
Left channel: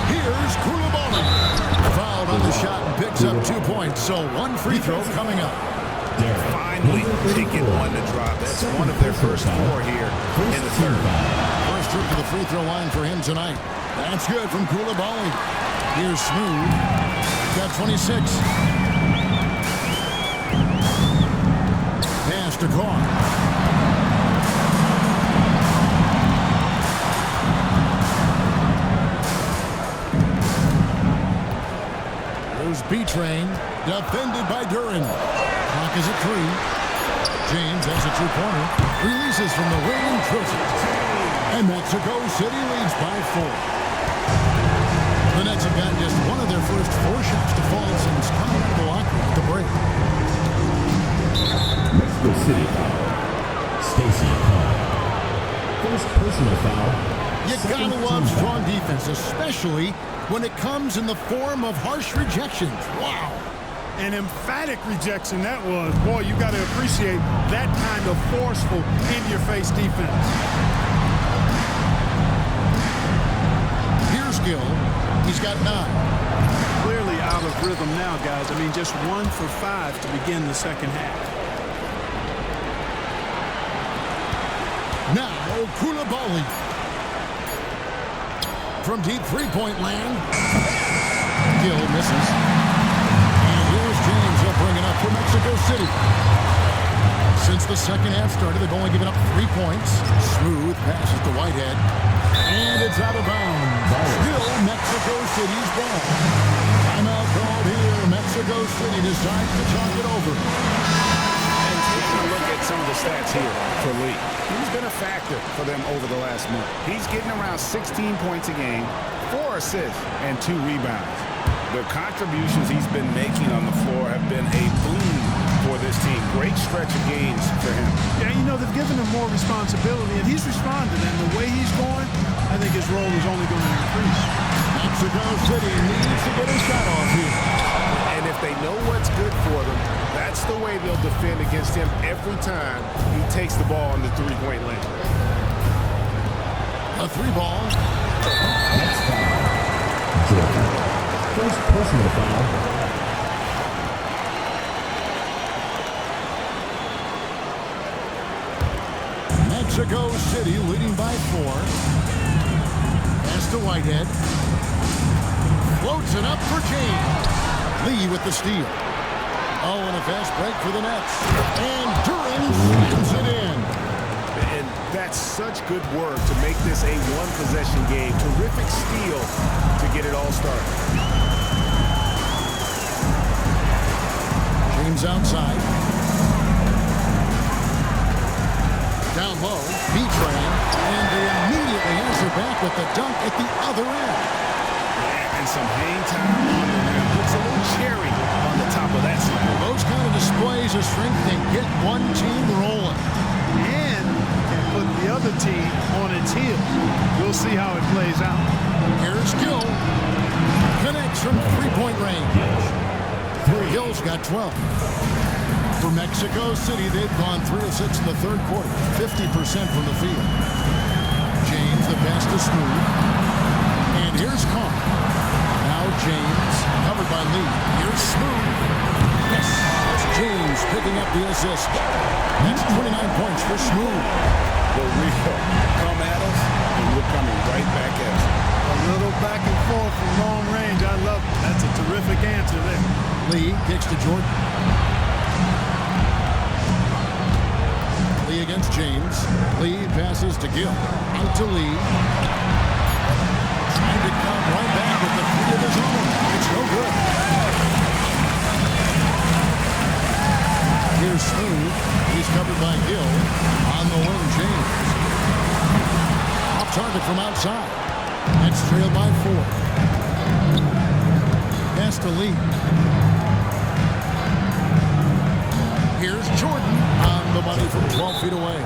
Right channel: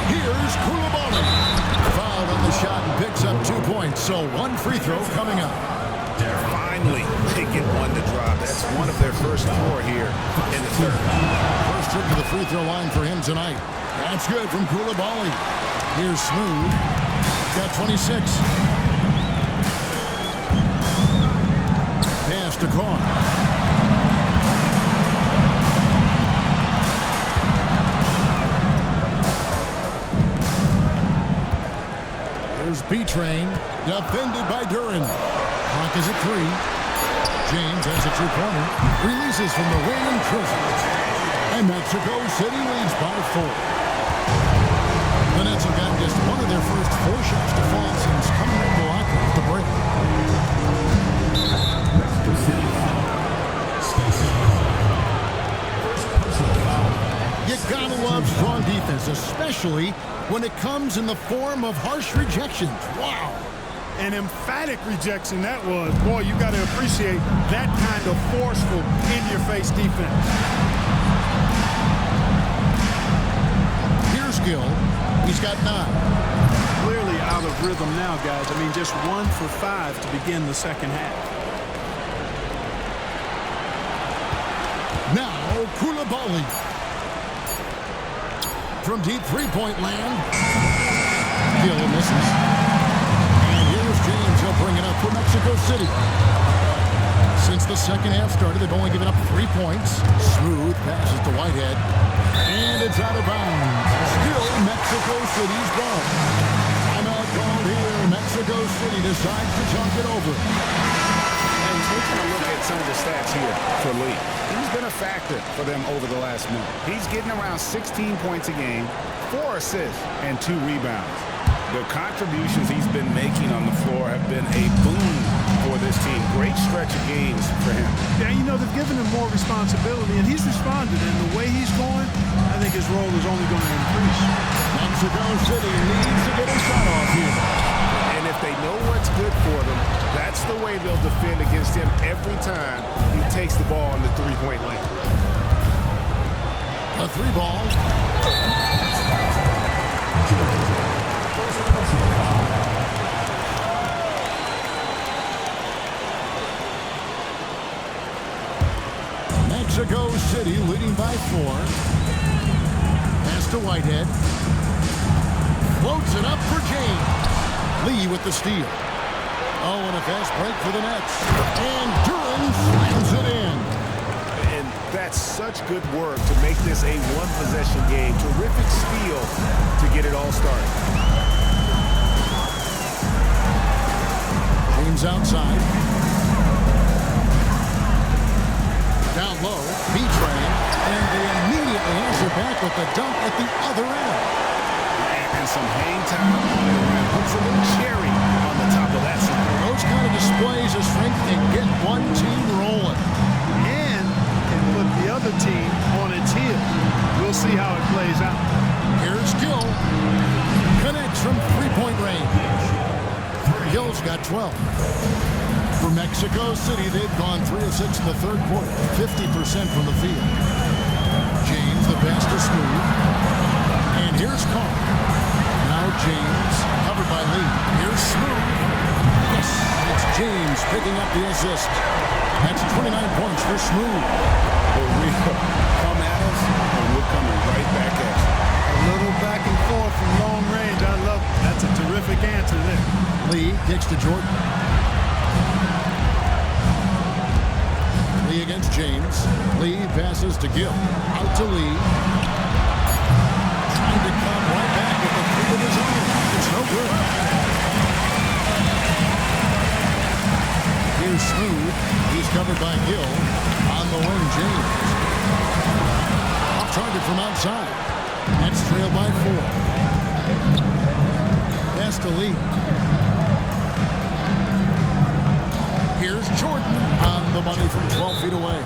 Here's Koulibaly. Fouled on the shot and picks up 2 points. So 1 free throw coming up. Finally, they get 1 to drop. That's one of their first 4 here in the third. First trip to the free throw line for him tonight. That's good from Koulibaly. Here's Smooth. Got 26. Pass to Carr. There's B-Train, defended by Duran. Clock is at 3. James has a 2-pointer. Releases from the wing and drills it. And Mexico City leads by 4. The Nets have gotten just one of their first 4 shots to fall since coming out of the locker room at the break. Mexico City foul. Stacey Carr. First personal foul. You gotta love strong defense, especially when it comes in the form of harsh rejections. Wow. An emphatic rejection that was. Boy, you got to appreciate that kind of forceful, in-your-face defense. Here's Gill. He's got 9. Clearly out of rhythm now, guys. I mean, just 1 for 5 to begin the second half. Now, Koulibaly. From deep 3-point land. Gill misses. And here's James. He'll bring it up for Mexico City. Since the second half started, they've only given up 3 points. Smooth passes to Whitehead. And it's out of bounds. Still Mexico City's ball. called here. Mexico City decides to talk it over. And taking a look at some of the stats here for Lee, he's been a factor for them over the last month. He's getting around 16 points a game, 4 assists, and 2 rebounds. The contributions he's been making on the floor have been a boon for this team. Great stretch of games for him. Yeah, you know, they've given him more responsibility, and he's responded. And the way he's going, I think his role is only going to increase. Mexico City needs to get a shot off here. And if they know what's good for them, that's the way they'll defend against him every time he takes the ball in the three-point lane. A 3-ball. Jordan. First personal foul. Mexico City leading by 4. Pass to Whitehead. Floats it up for James. Lee with the steal. Oh, and a fast break for the Nets. And Duran slams it in. And that's such good work to make this a one-possession game. Terrific steal to get it all started. James outside. Down low, B-Train, and they immediately answer back with the dunk at the other end. And some hang time on the rim. Puts a little cherry on the top of that slam. Well, those kind of displays of strength can get one team rolling. And can put the other team on its heels. We'll see how it plays out. Here's Gill. Connects from three-point range. Gill's got 12. For Mexico City, they've gone 3 of 6 in the third quarter. 50% from the field. James, the pass to Smooth. And here's Carr. Now James, covered by Lee. Here's Smooth. Yes, it's James picking up the assist. That's 29 points for Smooth. For real. Come at us, and we're coming right back at you. A little back and forth from long range. I love it. That's a terrific answer there. Lee kicks to Jordan. Lee against James. Lee passes to Gill. Out to Lee. Trying to come right back with the 3 of his own. It's no good. Here's Smooth. He's covered by Gill. On the wing, James. Off target from outside. Nets trailed by 4. Pass to Lee. Here's Jordan on the money from 12 feet away.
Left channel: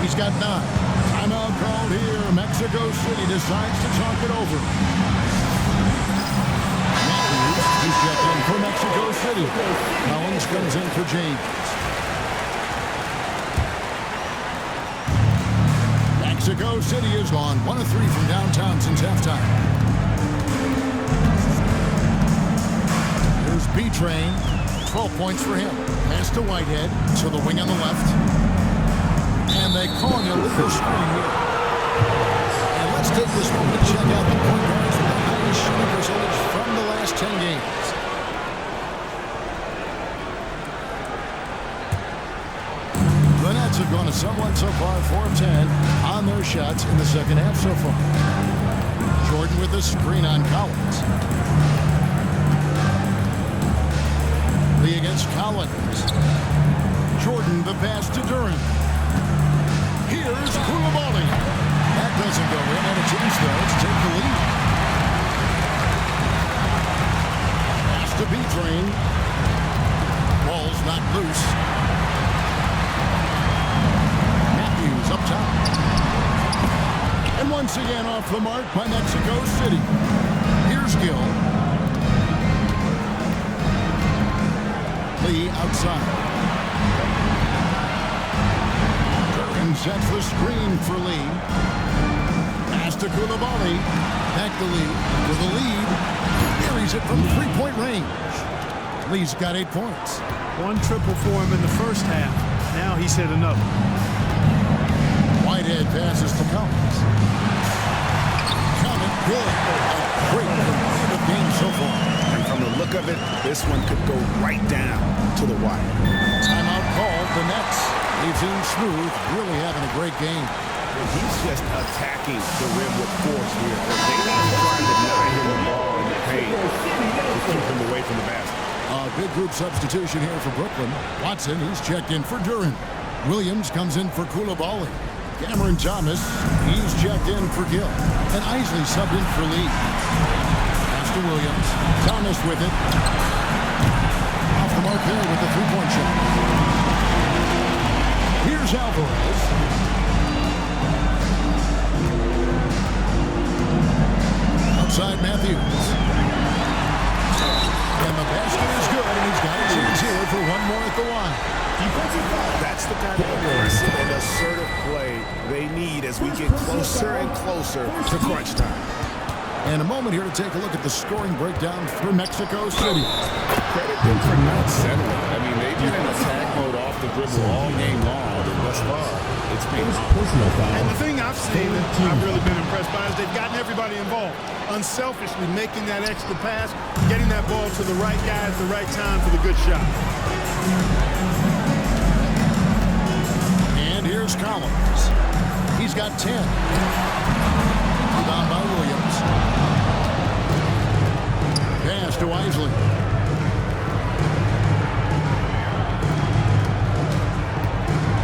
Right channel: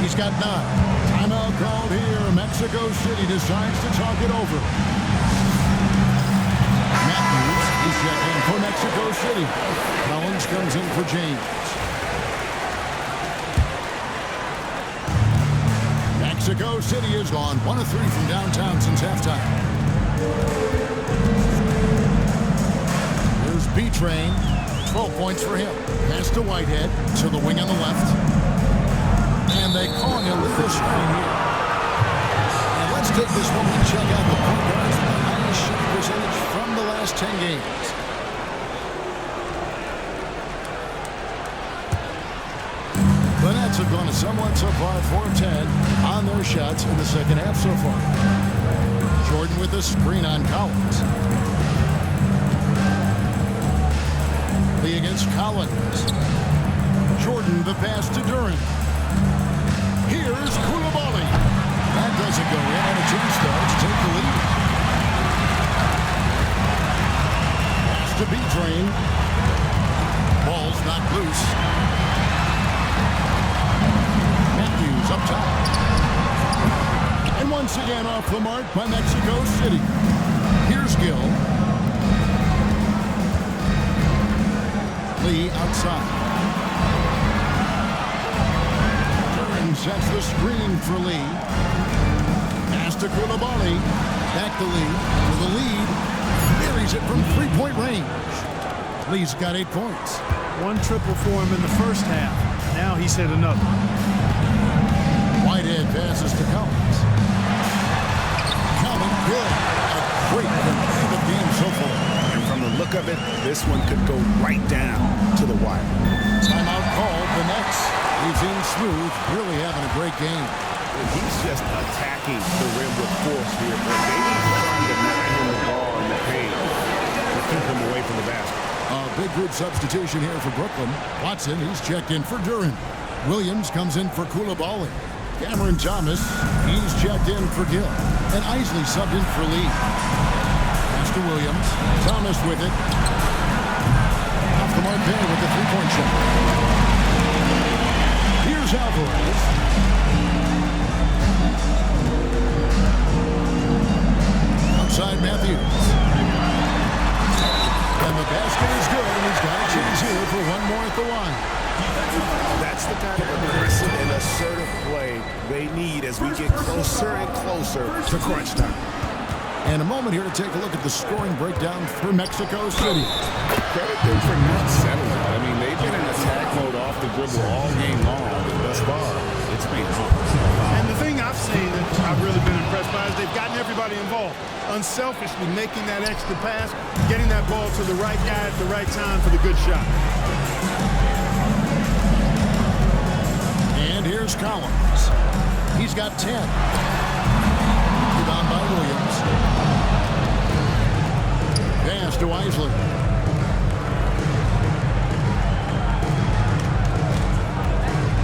He's got 9. Timeout called here. Mexico City decides to talk it over. Matthews, he's checked in for Mexico City. Collins comes in for James. Mexico City has gone 1 of 3 from downtown since halftime. Here's B-Train. 12 points for him. Pass to Whitehead to the wing on the left. And they call an illegal screen here. And let's take this moment to check out the point guards with the highest shooting percentage from the last 10 games. The Nets have gone a somewhat subpar 4 of 10 on their shots in the second half so far. Jordan with the screen on Collins. Lee against Collins. Jordan the pass to Duran. Here's Koulibaly. That doesn't go in, and a chance though to take the lead. Pass to B-Train. Ball's knocked loose. Matthews up top. And once again off the mark by Mexico City. Here's Gill. Lee outside. Duran sets the screen for Lee. Pass to Koulibaly. Back to Lee for the lead. Buries it from three-point range. Lee's got 8 points. 1 triple for him in the first half. Now he's hit another. Whitehead passes to Collins. Count it good. A great competitive game so far. And from the look of it, this one could go right down to the wire. Timeout called. The Nets. Leaves in Smooth, really having a great game. Well, he's just attacking the rim with force here. They need to try to deny him the ball in the paint to keep him away from the basket. A big group substitution here for Brooklyn. Watson, he's checked in for Duren. Williams comes in for Coulibaly. Cameron Thomas, he's checked in for Gill. And Isley subbed in for Lee. Pass to Williams. Thomas with it. Off the mark there with the three-point shot. Here's Alvarez. Outside Matthews. And the basket is good, and he's got a chance here for one more at the line. That's the kind of aggressive and assertive play they need as we get closer and closer to crunch time. And a moment here to take a look at the scoring breakdown for Mexico City. Credit them for not settling. I mean, they've been in attack mode off the dribble all game long, and thus far, it's been And the thing I've seen that I've really been impressed by is they've gotten everybody involved. Unselfishly making that extra pass, getting that ball to the right guy at the right time for the good shot. And here's Collins. He's got 10. Rebound by Williams. Pass to Isley.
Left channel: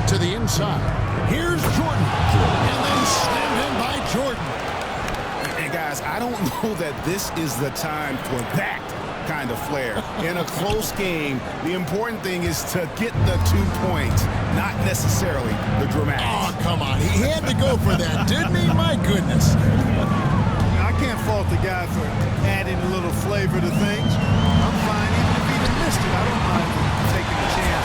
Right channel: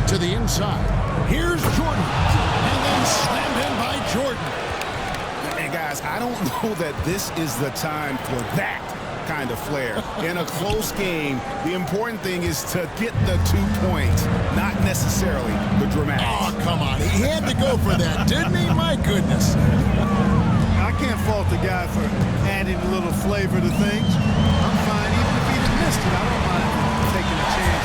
To the inside. Here's Jordan. And then slammed in by Jordan. And guys, I don't know that this is the time for that kind of flair. In a close game, the important thing is to get the 2 points, not necessarily the dramatics. Oh, come on. He had to go for that, didn't he? My goodness. I can't fault the guy for adding a little flavor to things. I'm fine. Even if he'd have missed it, I don't mind taking a chance.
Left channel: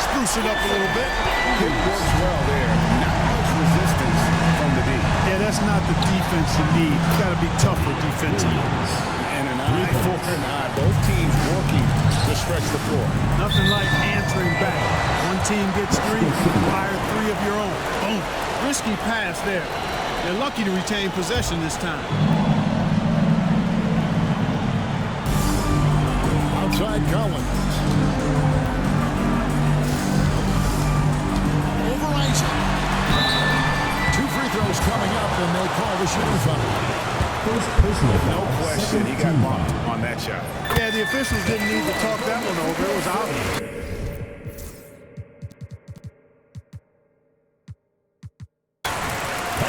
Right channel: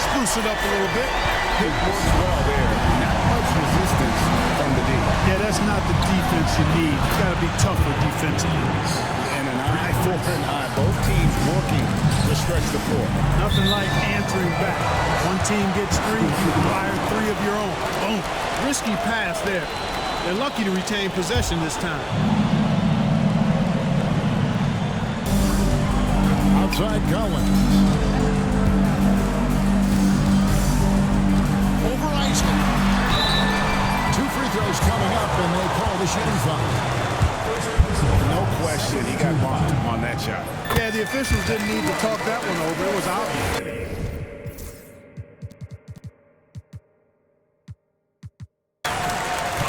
Spruce it up a little bit. It works well there. Not much resistance from the D. Yeah, that's not the defense you need. You got to be tougher defensively. And an eye for an eye. Both teams working to stretch the floor. Nothing like answering back. One team gets three, fire three of your own. Boom. Risky pass there. They're lucky to retain possession this time. Outside Collins. Over Isley. 2 free throws coming up, and they call the shooting foul. No question, he got bumped on that shot. Yeah, the officials didn't need to talk that one over. It was obvious.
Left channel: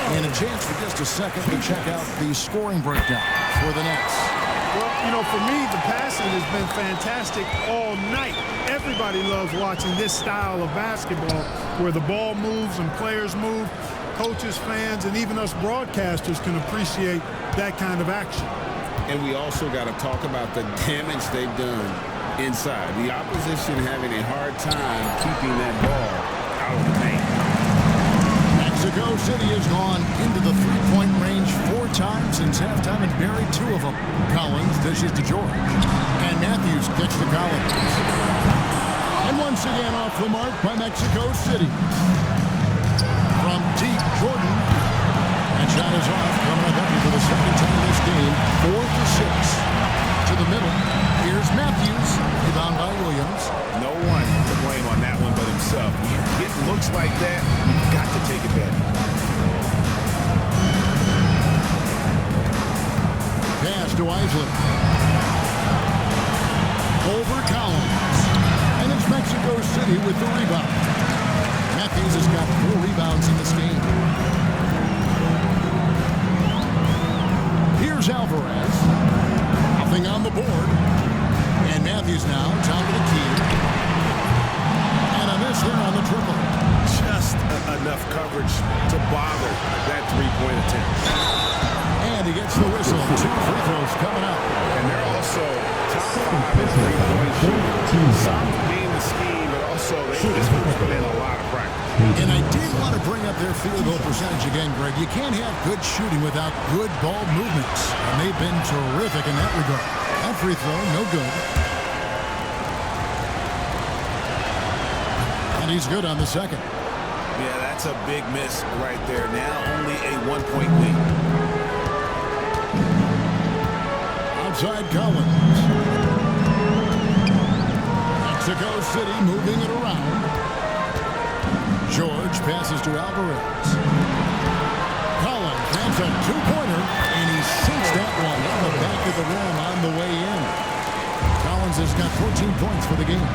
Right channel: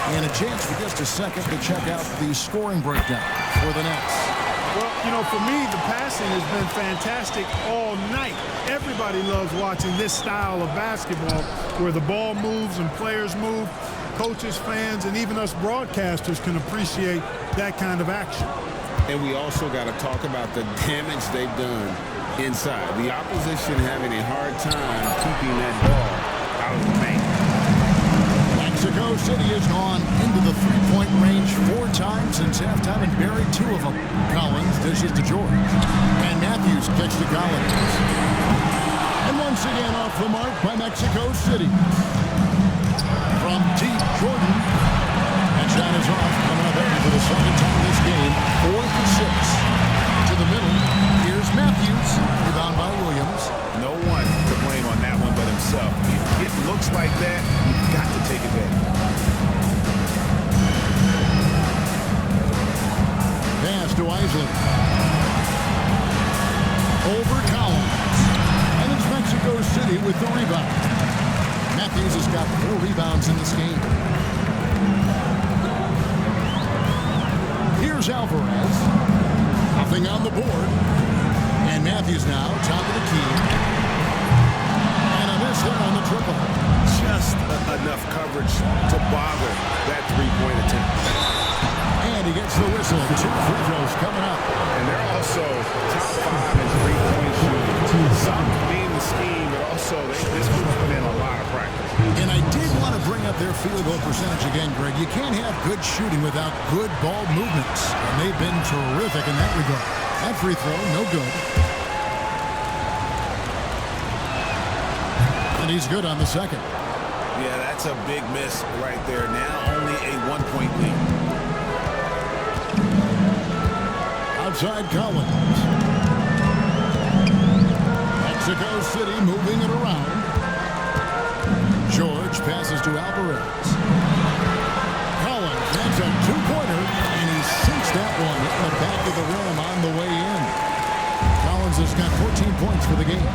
And a chance for just a second to check out the scoring breakdown for the Nets. Well, you know, for me, the passing has been fantastic all night. Everybody loves watching this style of basketball where the ball moves and players move. Coaches, fans, and even us broadcasters can appreciate that kind of action. And we also got to talk about the damage they've done inside. The opposition having a hard time keeping that ball out of the paint. Mexico City has gone into the three-point range 4 times since halftime and buried 2 of them. Collins dishes to George. And Matthews kicks to Collins. And once again off the mark by Mexico City. From deep, Jordan. That shot is off, coming up empty for the second time this game. 4 for 6. To the middle. Here's Matthews. Rebound by Williams. No one to blame on that one but himself. You get looks like that, you've got to take advantage. Pass to Isley. Over Collins. And it's Mexico City with the rebound. Matthews has got 4 rebounds in this game. Here's Alvarez. Nothing on the board. And Matthews now, top of the key. And a miss there on the triple. Just enough coverage to bother that three-point attempt. And he gets the whistle. 2 free throws coming up. And they're also top 5 in three-point shooting. Some being the scheme, but also this group's put in a lot of practice. And I did want to bring up their field goal percentage again, Greg. You can't have good shooting without good ball movements. And they've been terrific in that regard. That free throw, no good. And he's good on the second. Yeah, that's a big miss right there. Now only a 1-point lead. Outside Collins. Mexico City moving it around. George passes to Alvarez. Collins, that's a 2-pointer, and he sinks Hits that one, hitting the back of the rim on the way in. Collins has got 14 points for the game.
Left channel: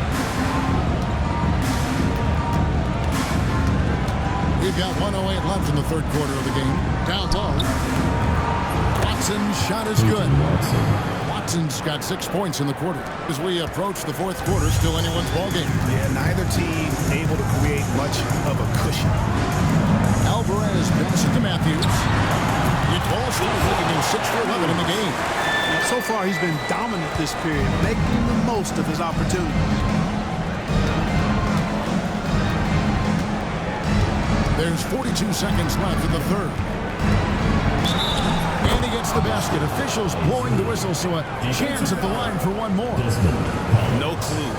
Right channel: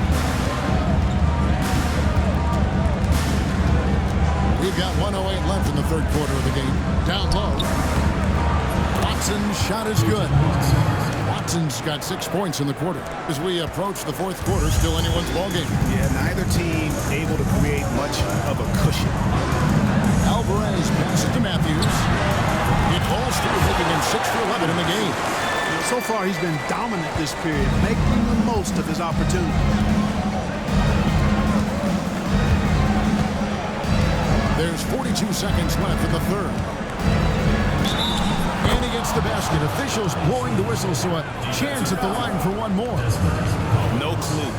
We've got 1:08 left in the third quarter of the game. Down low. Watson's shot is good. Watson's got 6 points in the quarter. As we approach the fourth quarter, still anyone's ball game. Yeah, neither team able to create much of a cushion. Alvarez passes to Matthews. It falls through, making him 6 for 11 in the game. So far, he's been dominant this period, making the most of his opportunities. There's 42 seconds left in the third. And he gets the basket. Officials blowing the whistle, so a chance at the line for one more. No clue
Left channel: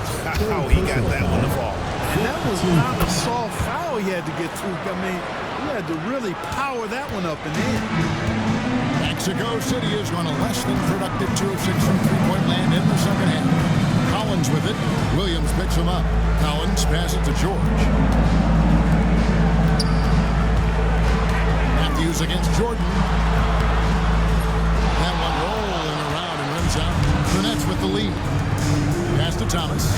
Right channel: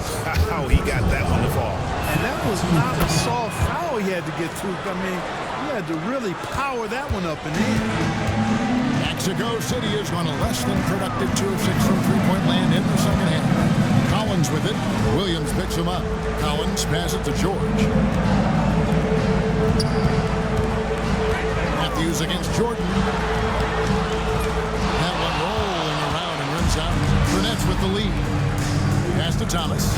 how he got that one to fall. And that was not a soft foul he had to get through. I mean, he had to really power that one up and in. Mexico City has gone a less than productive 2 of 6 from three-point land in the second half. Collins with it. Williams picks him up. Collins passes to George. Matthews against Jordan. That one rolling around and rims out. The Nets with the lead. Pass to Thomas.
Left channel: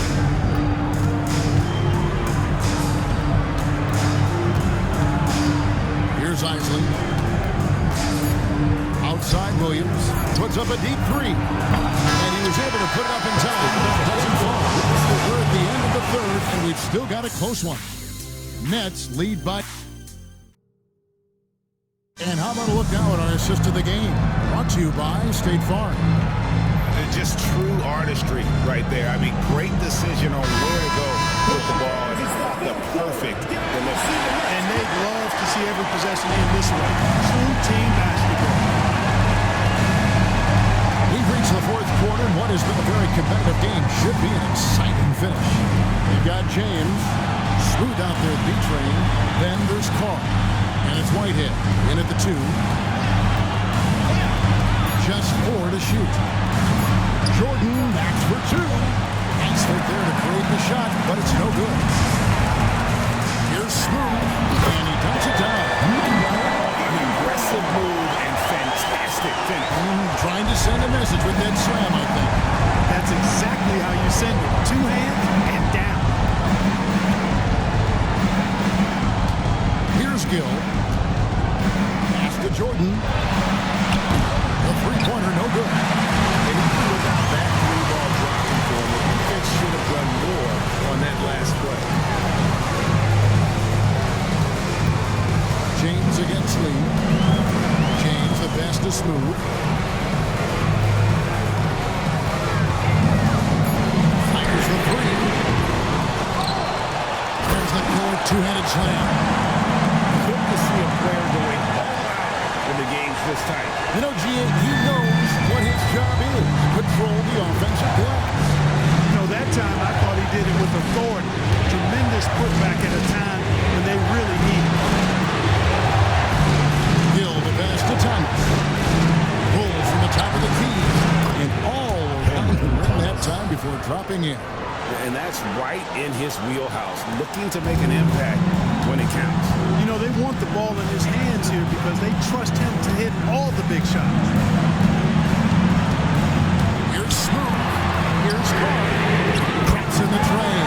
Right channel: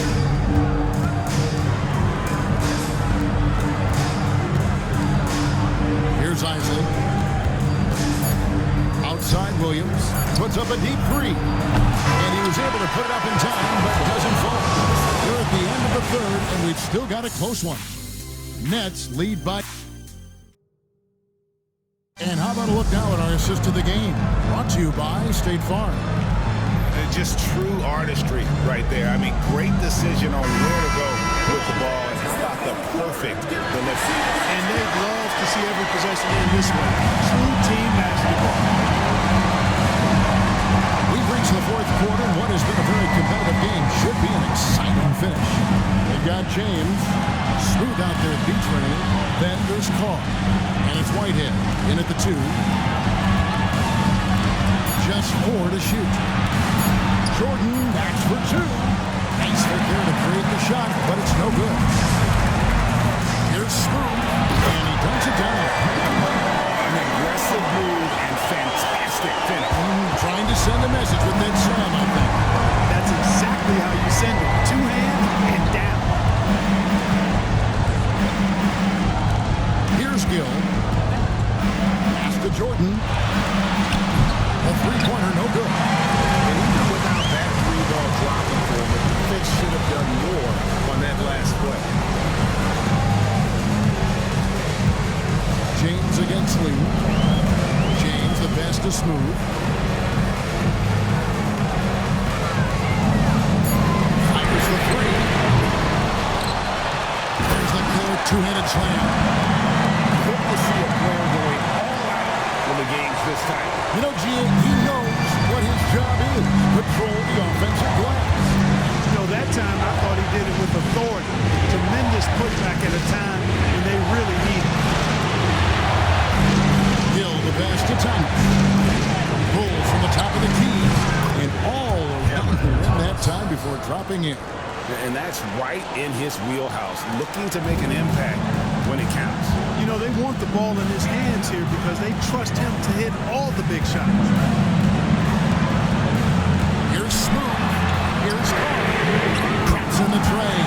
Here's Isley. Outside Williams. Puts up a deep three. And he was able to put it up in time, but doesn't fall. We're at the end of the third, and we've still got a close one. Nets lead by... And how about a look now at our assist of the game? Brought to you by State Farm. Just true artistry right there. I mean, great decision on where to go with the ball, and how about the perfect delivery. And they'd love to see every possession end this way. True team basketball. We've reached the fourth quarter, and what has been a very competitive game should be an exciting finish. They've got James, smooth out there at B-Train. Then there's Carr, and it's Whitehead in at the 2. Just 4 to shoot. Jordan backs for 2. Nice right there to create the shot, but it's no good. Here's Smooth, and he dunks it down. An aggressive move and fantastic finish. Trying to send a message with that slam, I think. That's exactly how you send it. 2 hands and down. Here's Gill. Pass to Jordan. A three-pointer, no good. And even without that 3-ball dropping for him, the defense should have done more on that last play. James against Lee. James, the best to Smooth. Fires the 3. There's the killer two-handed slam. Good to see a player going all out when the game's this tight. You know, G.A., he knows what his job is. Control the offensive glass. You know, that time I thought he did it with authority. Tremendous putback at a time when they really need it. Gill, the pass to Thomas. Pulls from the top of the key. And all around the rim that time before dropping in. And that's right in his wheelhouse, looking to make an impact when it counts. You know, they want the ball in his hands here because they trust him to hit all the big shots. Here's Smooth. Here's Carr. Traps in the tray.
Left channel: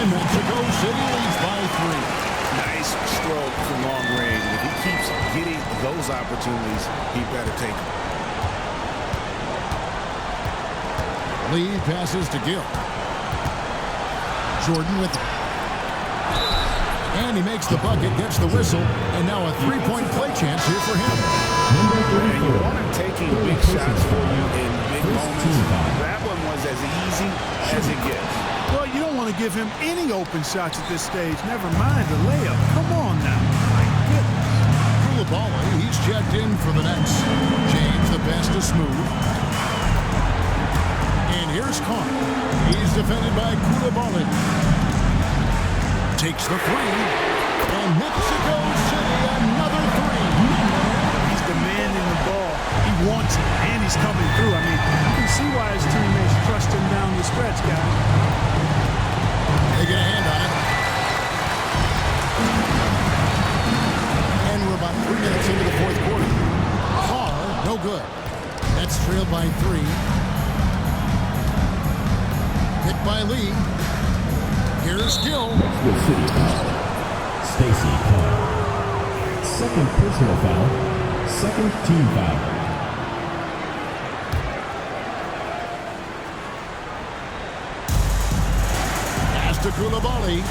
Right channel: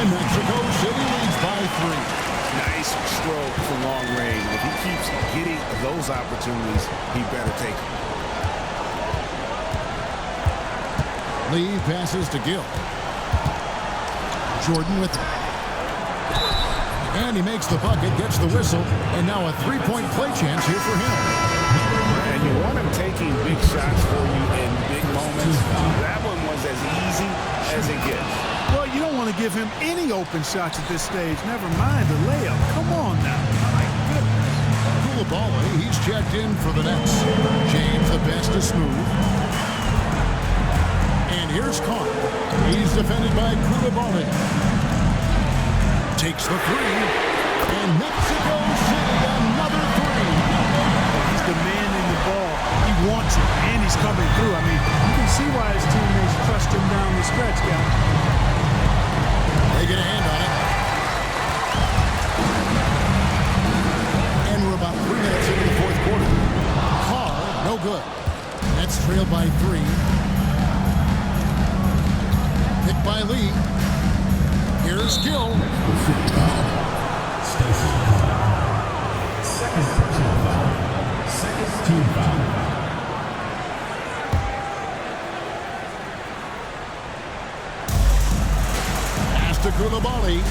And Mexico City leads by 3. Nice stroke from long range. If he keeps getting those opportunities, he better take them. Lee passes to Gill. Jordan with it. And he makes the bucket, gets the whistle, and now a three-point play chance here for him. And you want him taking big shots for you in big moments. That one was as easy as it gets. Well, you don't want to give him any open shots at this stage. Never mind the layup. Come on now. My goodness. Koulibaly, he's checked in for the Nets. James, the best to Smooth. And here's Carr. He's defended by Koulibaly. Takes the 3. And Mexico City, another 3. He's demanding the ball. He wants it, and he's coming through. I mean, you can see why his teammates trust him down the stretch, guys. They get a hand on it. And we're about 3 minutes into the fourth quarter. Carr No good. Nets trailed by 3. Picked by Lee. Here's Gill. City foul. Stacy Clark. Second personal foul. Second team foul. Pass to Koulibaly.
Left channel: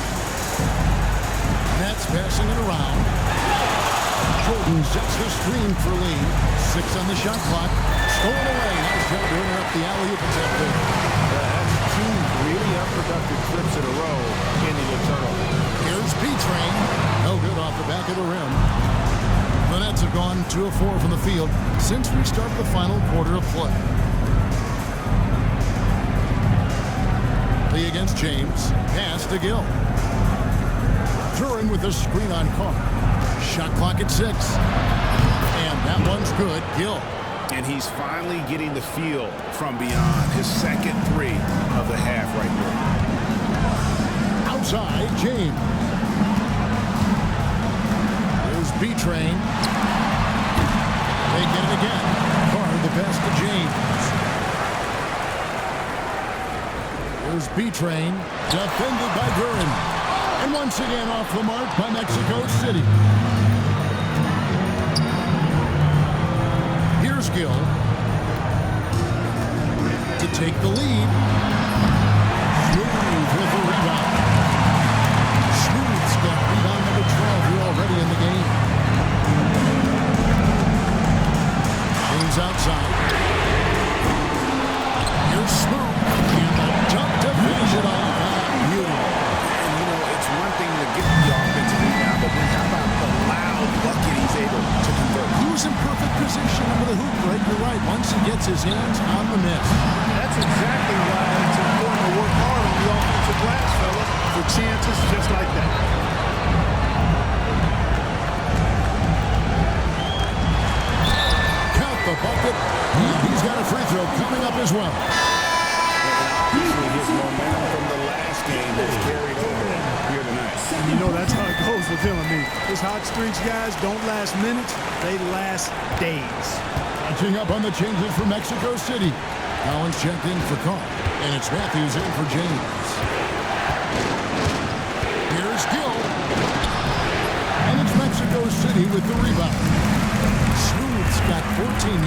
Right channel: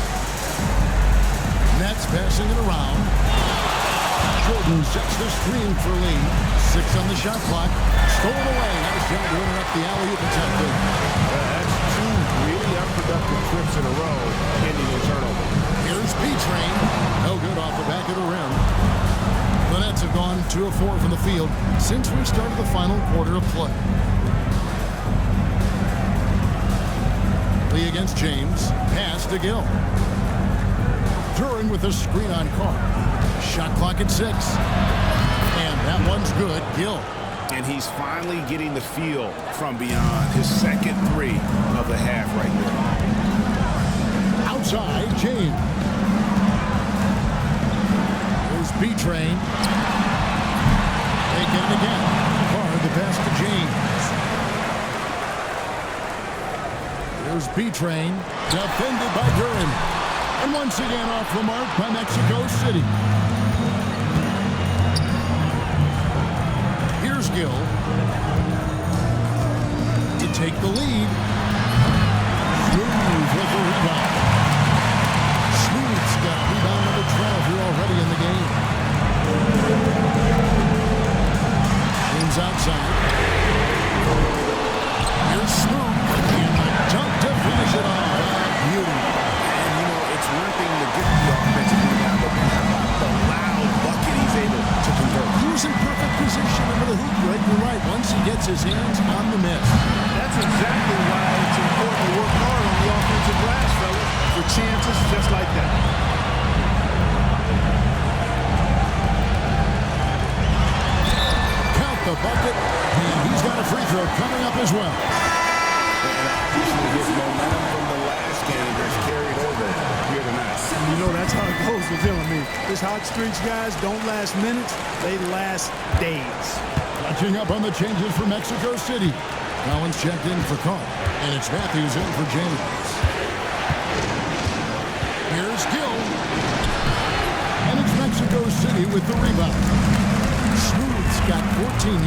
Nets passing it around. Jordan sets the screen for Lee. 6 on the shot clock. Stolen away. Nice job to interrupt the alley-oop attempt there. That's 2 really unproductive trips in a row ending in turnover. Here's B-Train. No good off the back of the rim. The Nets have gone 2 of 4 from the field since we started the final quarter of play. Lee against James. Pass to Gill. Duran with a screen on Carr. Shot clock at 6. And that one's good. Gill. And he's finally getting the feel from beyond. His second 3 of the half right there. Outside, James. Here's B-Train. They get it again. Carr the pass to James. Here's B-Train. Defended by Duran. And once again off the mark by Mexico City. Here's Gill to take the lead. Smooth with the rebound. Smooth's got rebound number 12 here already in the game. James outside. Here's Smooth. And the dunk to finish it off. Beauty. And, you know, it's one thing to get the offensive rebound, but then how about the loud bucket he's able to convert? He was in perfect position under the hoop break. You're right. Once he gets his hands on the miss. That's exactly why it's important to work hard on the offensive glass, fellas, for chances just like that. Count the bucket, and he's got a free throw coming up as well. And obviously his momentum from the last game has carried over here tonight. You know, that's how it goes with him. I mean, his hot streaks, guys, don't last minutes. They last days. Catching up on the changes for Mexico City. Collins checked in for Carr, and it's Matthews in for James. Here's Gill. And it's Mexico City with the rebound. Smooth's got 14,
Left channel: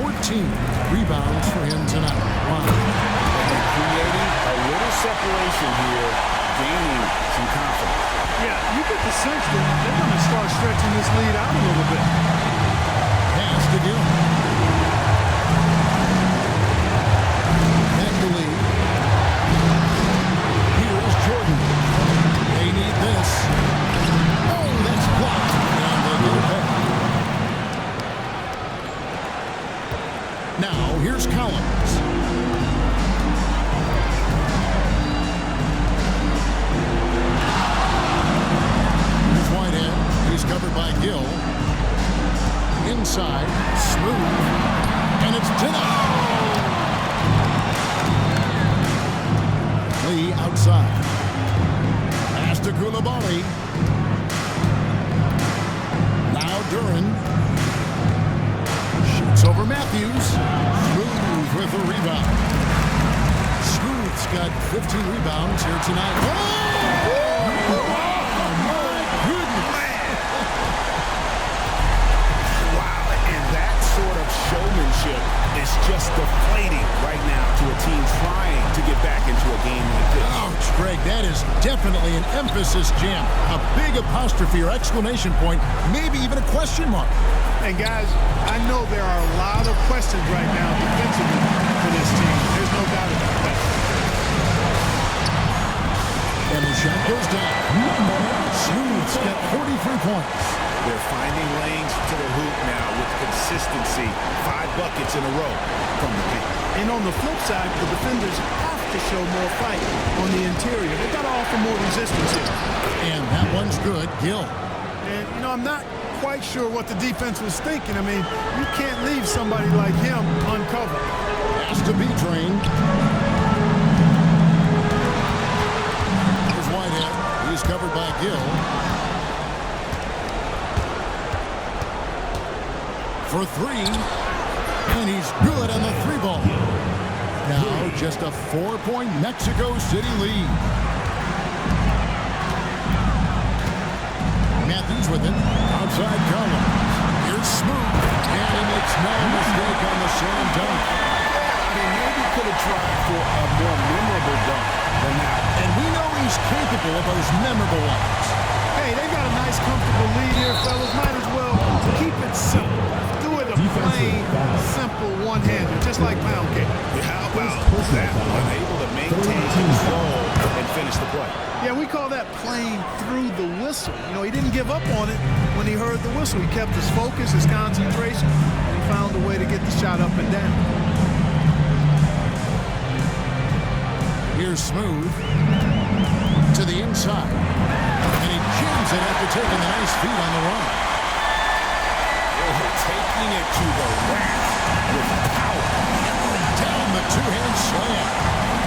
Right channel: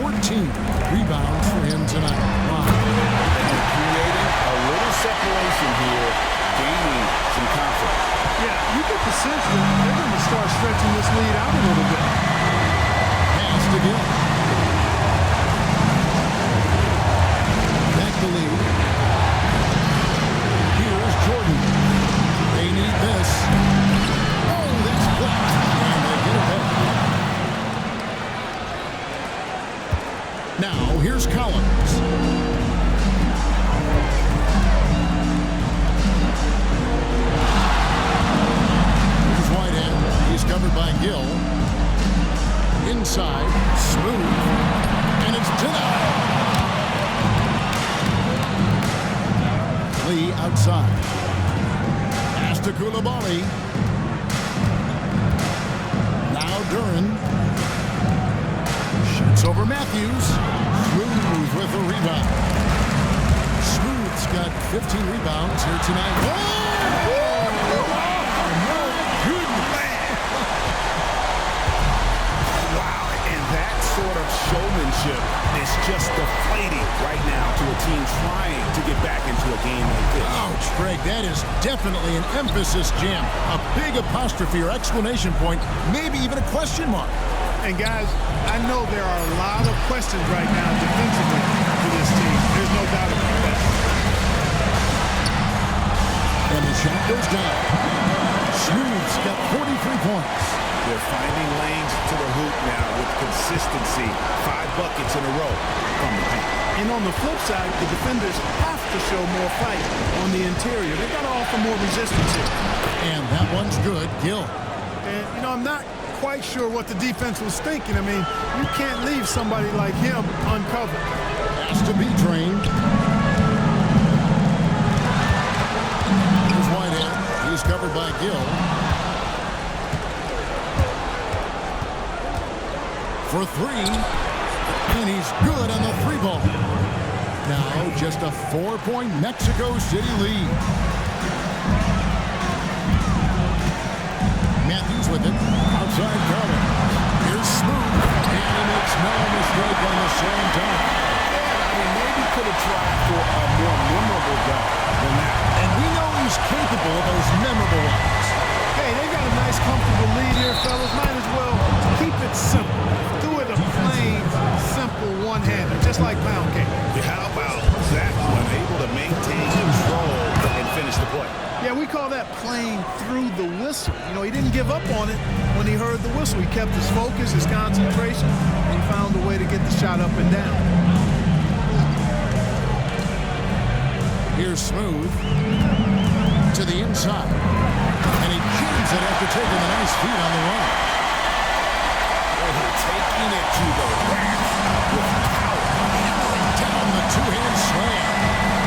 14 rebounds for him tonight. Wow. And creating a little separation here, gaining some confidence. Yeah, you get the sense that they're going to start stretching this lead out a little bit. Pass to Gill. Back the lead. Here's Jordan. They need this. Oh, that's blocked. And they get it back. Now, here's Collins. Here's Whitehead. He's covered by Gill. Inside. Smooth. And it's denied. Lee outside. Pass to Koulibaly. Now Duran. Shoots over Matthews. Smooth with a rebound. Smooth's got 15 rebounds here tonight. Oh, my goodness. Wow, and that sort of showmanship is just deflating right now to a team trying to get back into a game like this. Ouch, Greg, that is definitely an emphasis jam. A big apostrophe or exclamation point, maybe even a question mark. And guys, I know there are a lot of questions right now defensively for this team. There's no doubt about that. And the shot goes down. Smooth's got 43 points. They're finding lanes to the hoop now with consistency. 5 buckets in a row from the paint. And on the flip side, the defenders have to show more fight on the interior. They've got to offer more resistance here. And that one's good. Gill. And, you know, I'm not quite sure what the defense was thinking. I mean, you can't leave somebody like him uncovered. Has to be trained. Here's Whitehead. He's covered by Gill. For 3. And he's good on the 3-ball. Now just a 4-point Mexico City lead. Matthews with it. Outside Collins. Here's Smooth. And he makes no mistake on the slam dunk. Yeah, I mean, maybe could have tried for a more memorable dunk than that. And we know he's capable of those memorable ones. Hey, they've got a nice, comfortable lead here, fellas. Might as well keep it simple. Do it a plain, simple one-hander, just like pound cake. Yeah, how about that one? Able to maintain control and finish the play. Yeah, we call that playing through the whistle. You know, he didn't give up on it when he heard the whistle. He kept his focus, his concentration, and he found a way to get the shot up and down. Here's Smooth to the inside. And he jams it after taking the nice feed on the run. Oh, taking it to the rack with power. Hammering down the two-hand slam.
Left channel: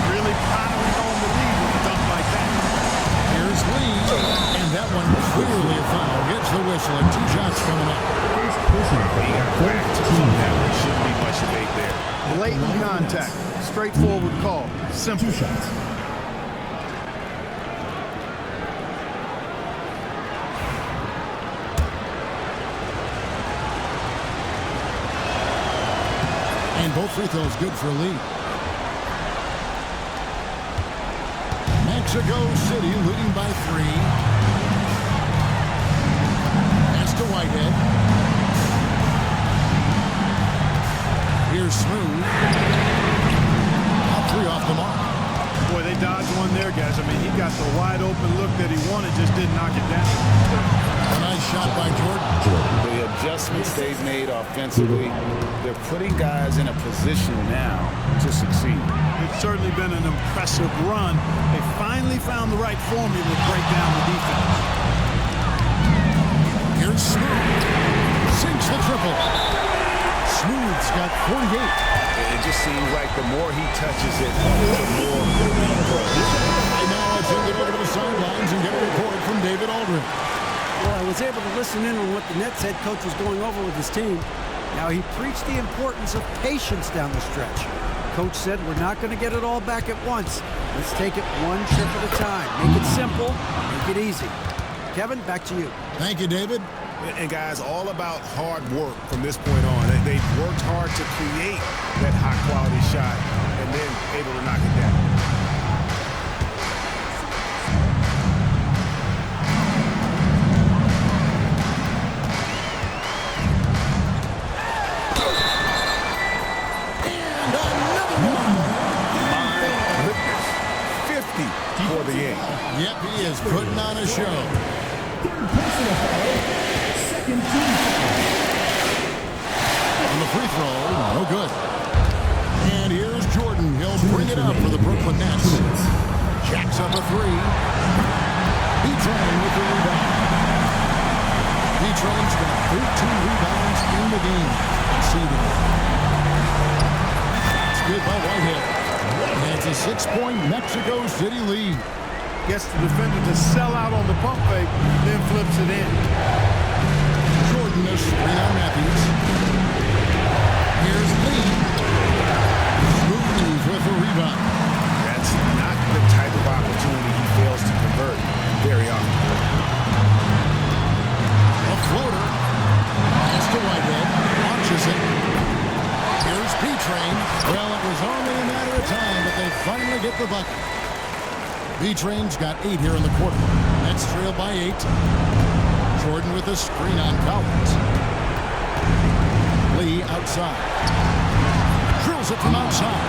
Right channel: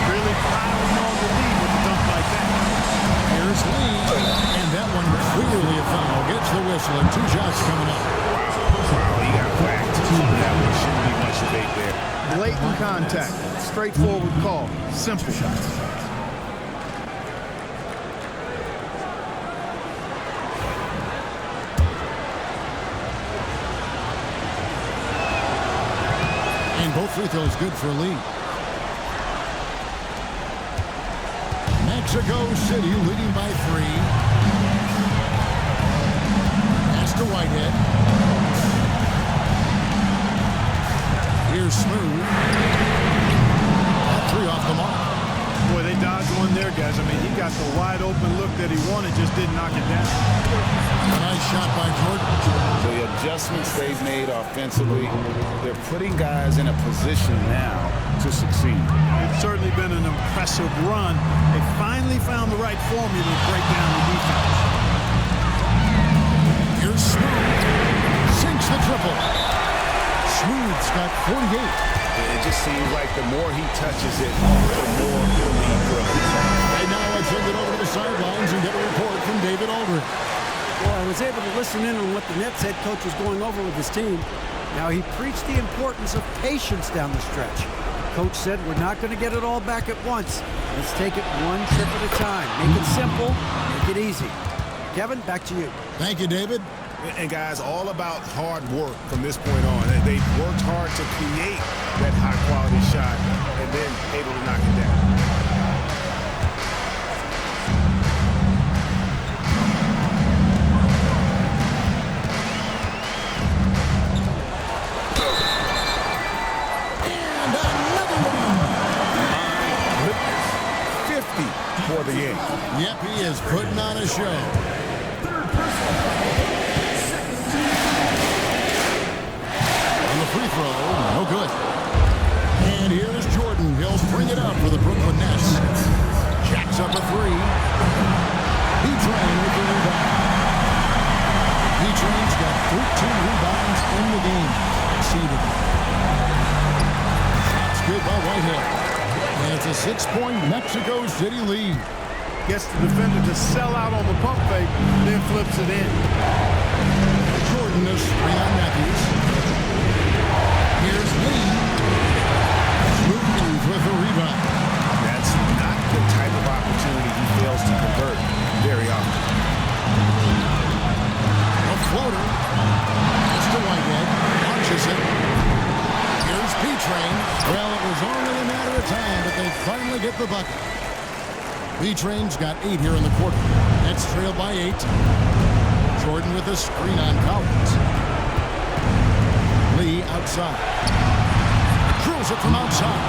Really piling on the lead with a dunk like that. Here's Lee, and that one clearly a foul. Gets the whistle, and 2 shots coming up. Wow, he got whacked. That one shouldn't be much debate there. Blatant contact. Straightforward call. Simple. 2 shots. And both free throws good for Lee. Mexico City leading by 3. Pass to Whitehead. Here's Smooth. Up 3 off the mark. Boy, they dodged one there, guys. I mean, he got the wide open look that he wanted, just didn't knock it down. A nice shot by Jordan. The adjustments they've made offensively, they're putting guys in a position now to succeed. It's certainly been an impressive run. They finally found the right formula to break down the defense. Here's Smooth. Sinks the triple. Smooth's got 48. It just seems like the more he touches it, the more the lead grows. And now I send it over to the sidelines and get a report from David Aldridge. Well, I was able to listen in on what the Nets head coach was going over with his team. Now, he preached the importance of patience down the stretch. Coach said, we're not going to get it all back at once. Let's take it one trip at a time. Make it simple, make it easy. Kevin, back to you. Thank you, David. And guys, all about hard work from this point on. They've worked hard to create that high-quality shot and then able to knock it down. And another one. My goodness, 50 for the game. Yep, he is putting on a show. Third personal foul. Second team foul. On the free throw, no good. And here's Jordan. He'll bring it up for the Brooklyn Nets. Jacks up a 3. B-Train with the rebound. B-Train's got 13 rebounds in the game. Exceeding. That's good by Whitehead. And it's a 6-point Mexico City lead. Gets the defender to sell out on the pump fake, then flips it in. Jordan is screen on Matthews. Here's Lee. Smooth with the rebound. That's not the type of opportunity he fails to convert very often. A floater. Pass to Whitehead. Launches it. Here's B-Train. Well, it was only a matter of time, but they finally get the bucket. B-Train's got 8 here in the quarter. Nets trail by 8. Jordan with a screen on Collins. Lee outside. Drills it from outside.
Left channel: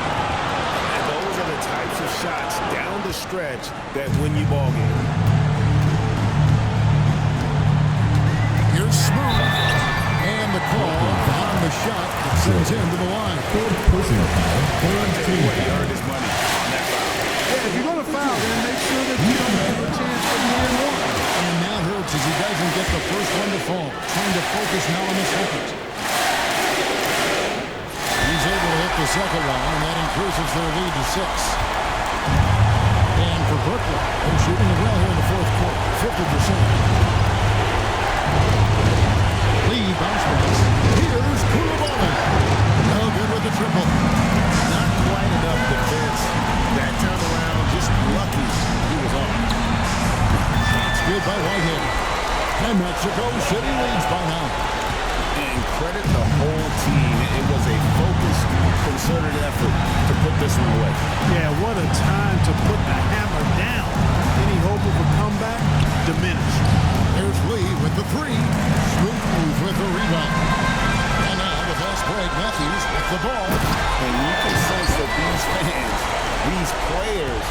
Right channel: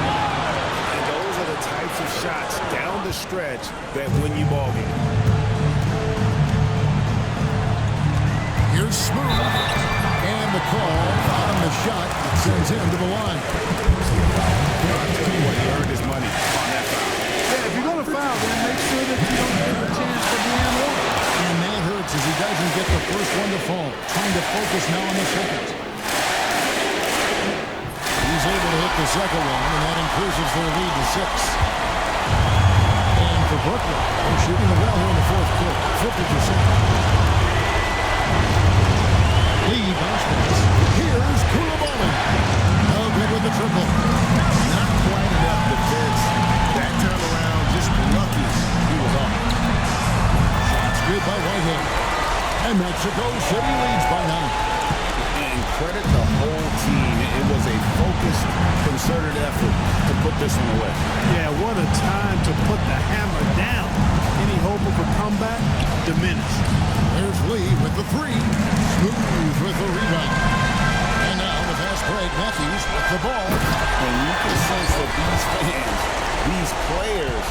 And those are the types of shots down the stretch that win you ball game. Here's Smooth. And the call on the shot that sends him to the line. Personal foul. I'll tell you what, he earned his money on that foul. Yeah, if you're going to foul, then make sure that you don't give a chance for the and one. And that hurts as he doesn't get the first one to fall. Trying to focus now on the second. He's able to hit the second one, and that increases their lead to 6. And for Brooklyn, they're shooting it well here in the fourth quarter, 50%. Lee bounce pass. Here's Koulibaly. No good with the triple. Not quite enough defense. That time around, just lucky he was off. Shots good by Whitehead. And Mexico City leads by now. And credit the whole team. It was a focused, concerted effort to put this one away. Yeah, what a time to put the hammer down. Any hope of a comeback? Diminished. There's Lee with the three. Smooth with the rebound. And now the fast break, Matthews with the ball. And you can sense that these fans, these players,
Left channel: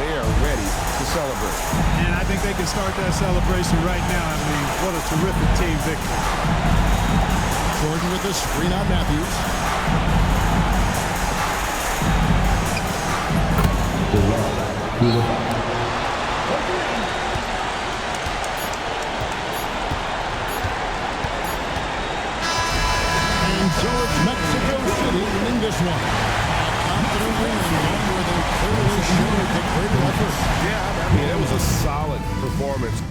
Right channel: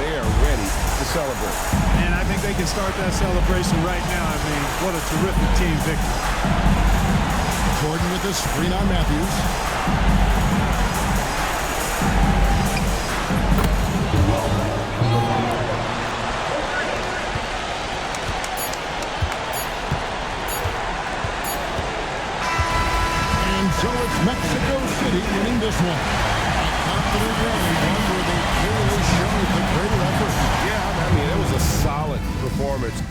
they are ready to celebrate. And I think they can start that celebration right now. I mean, what a terrific team victory. Jordan with the screen on Matthews. And so it's Mexico City winning this one. A confident win and one where they clearly showed the greater effort. Yeah, I mean, it was a solid performance.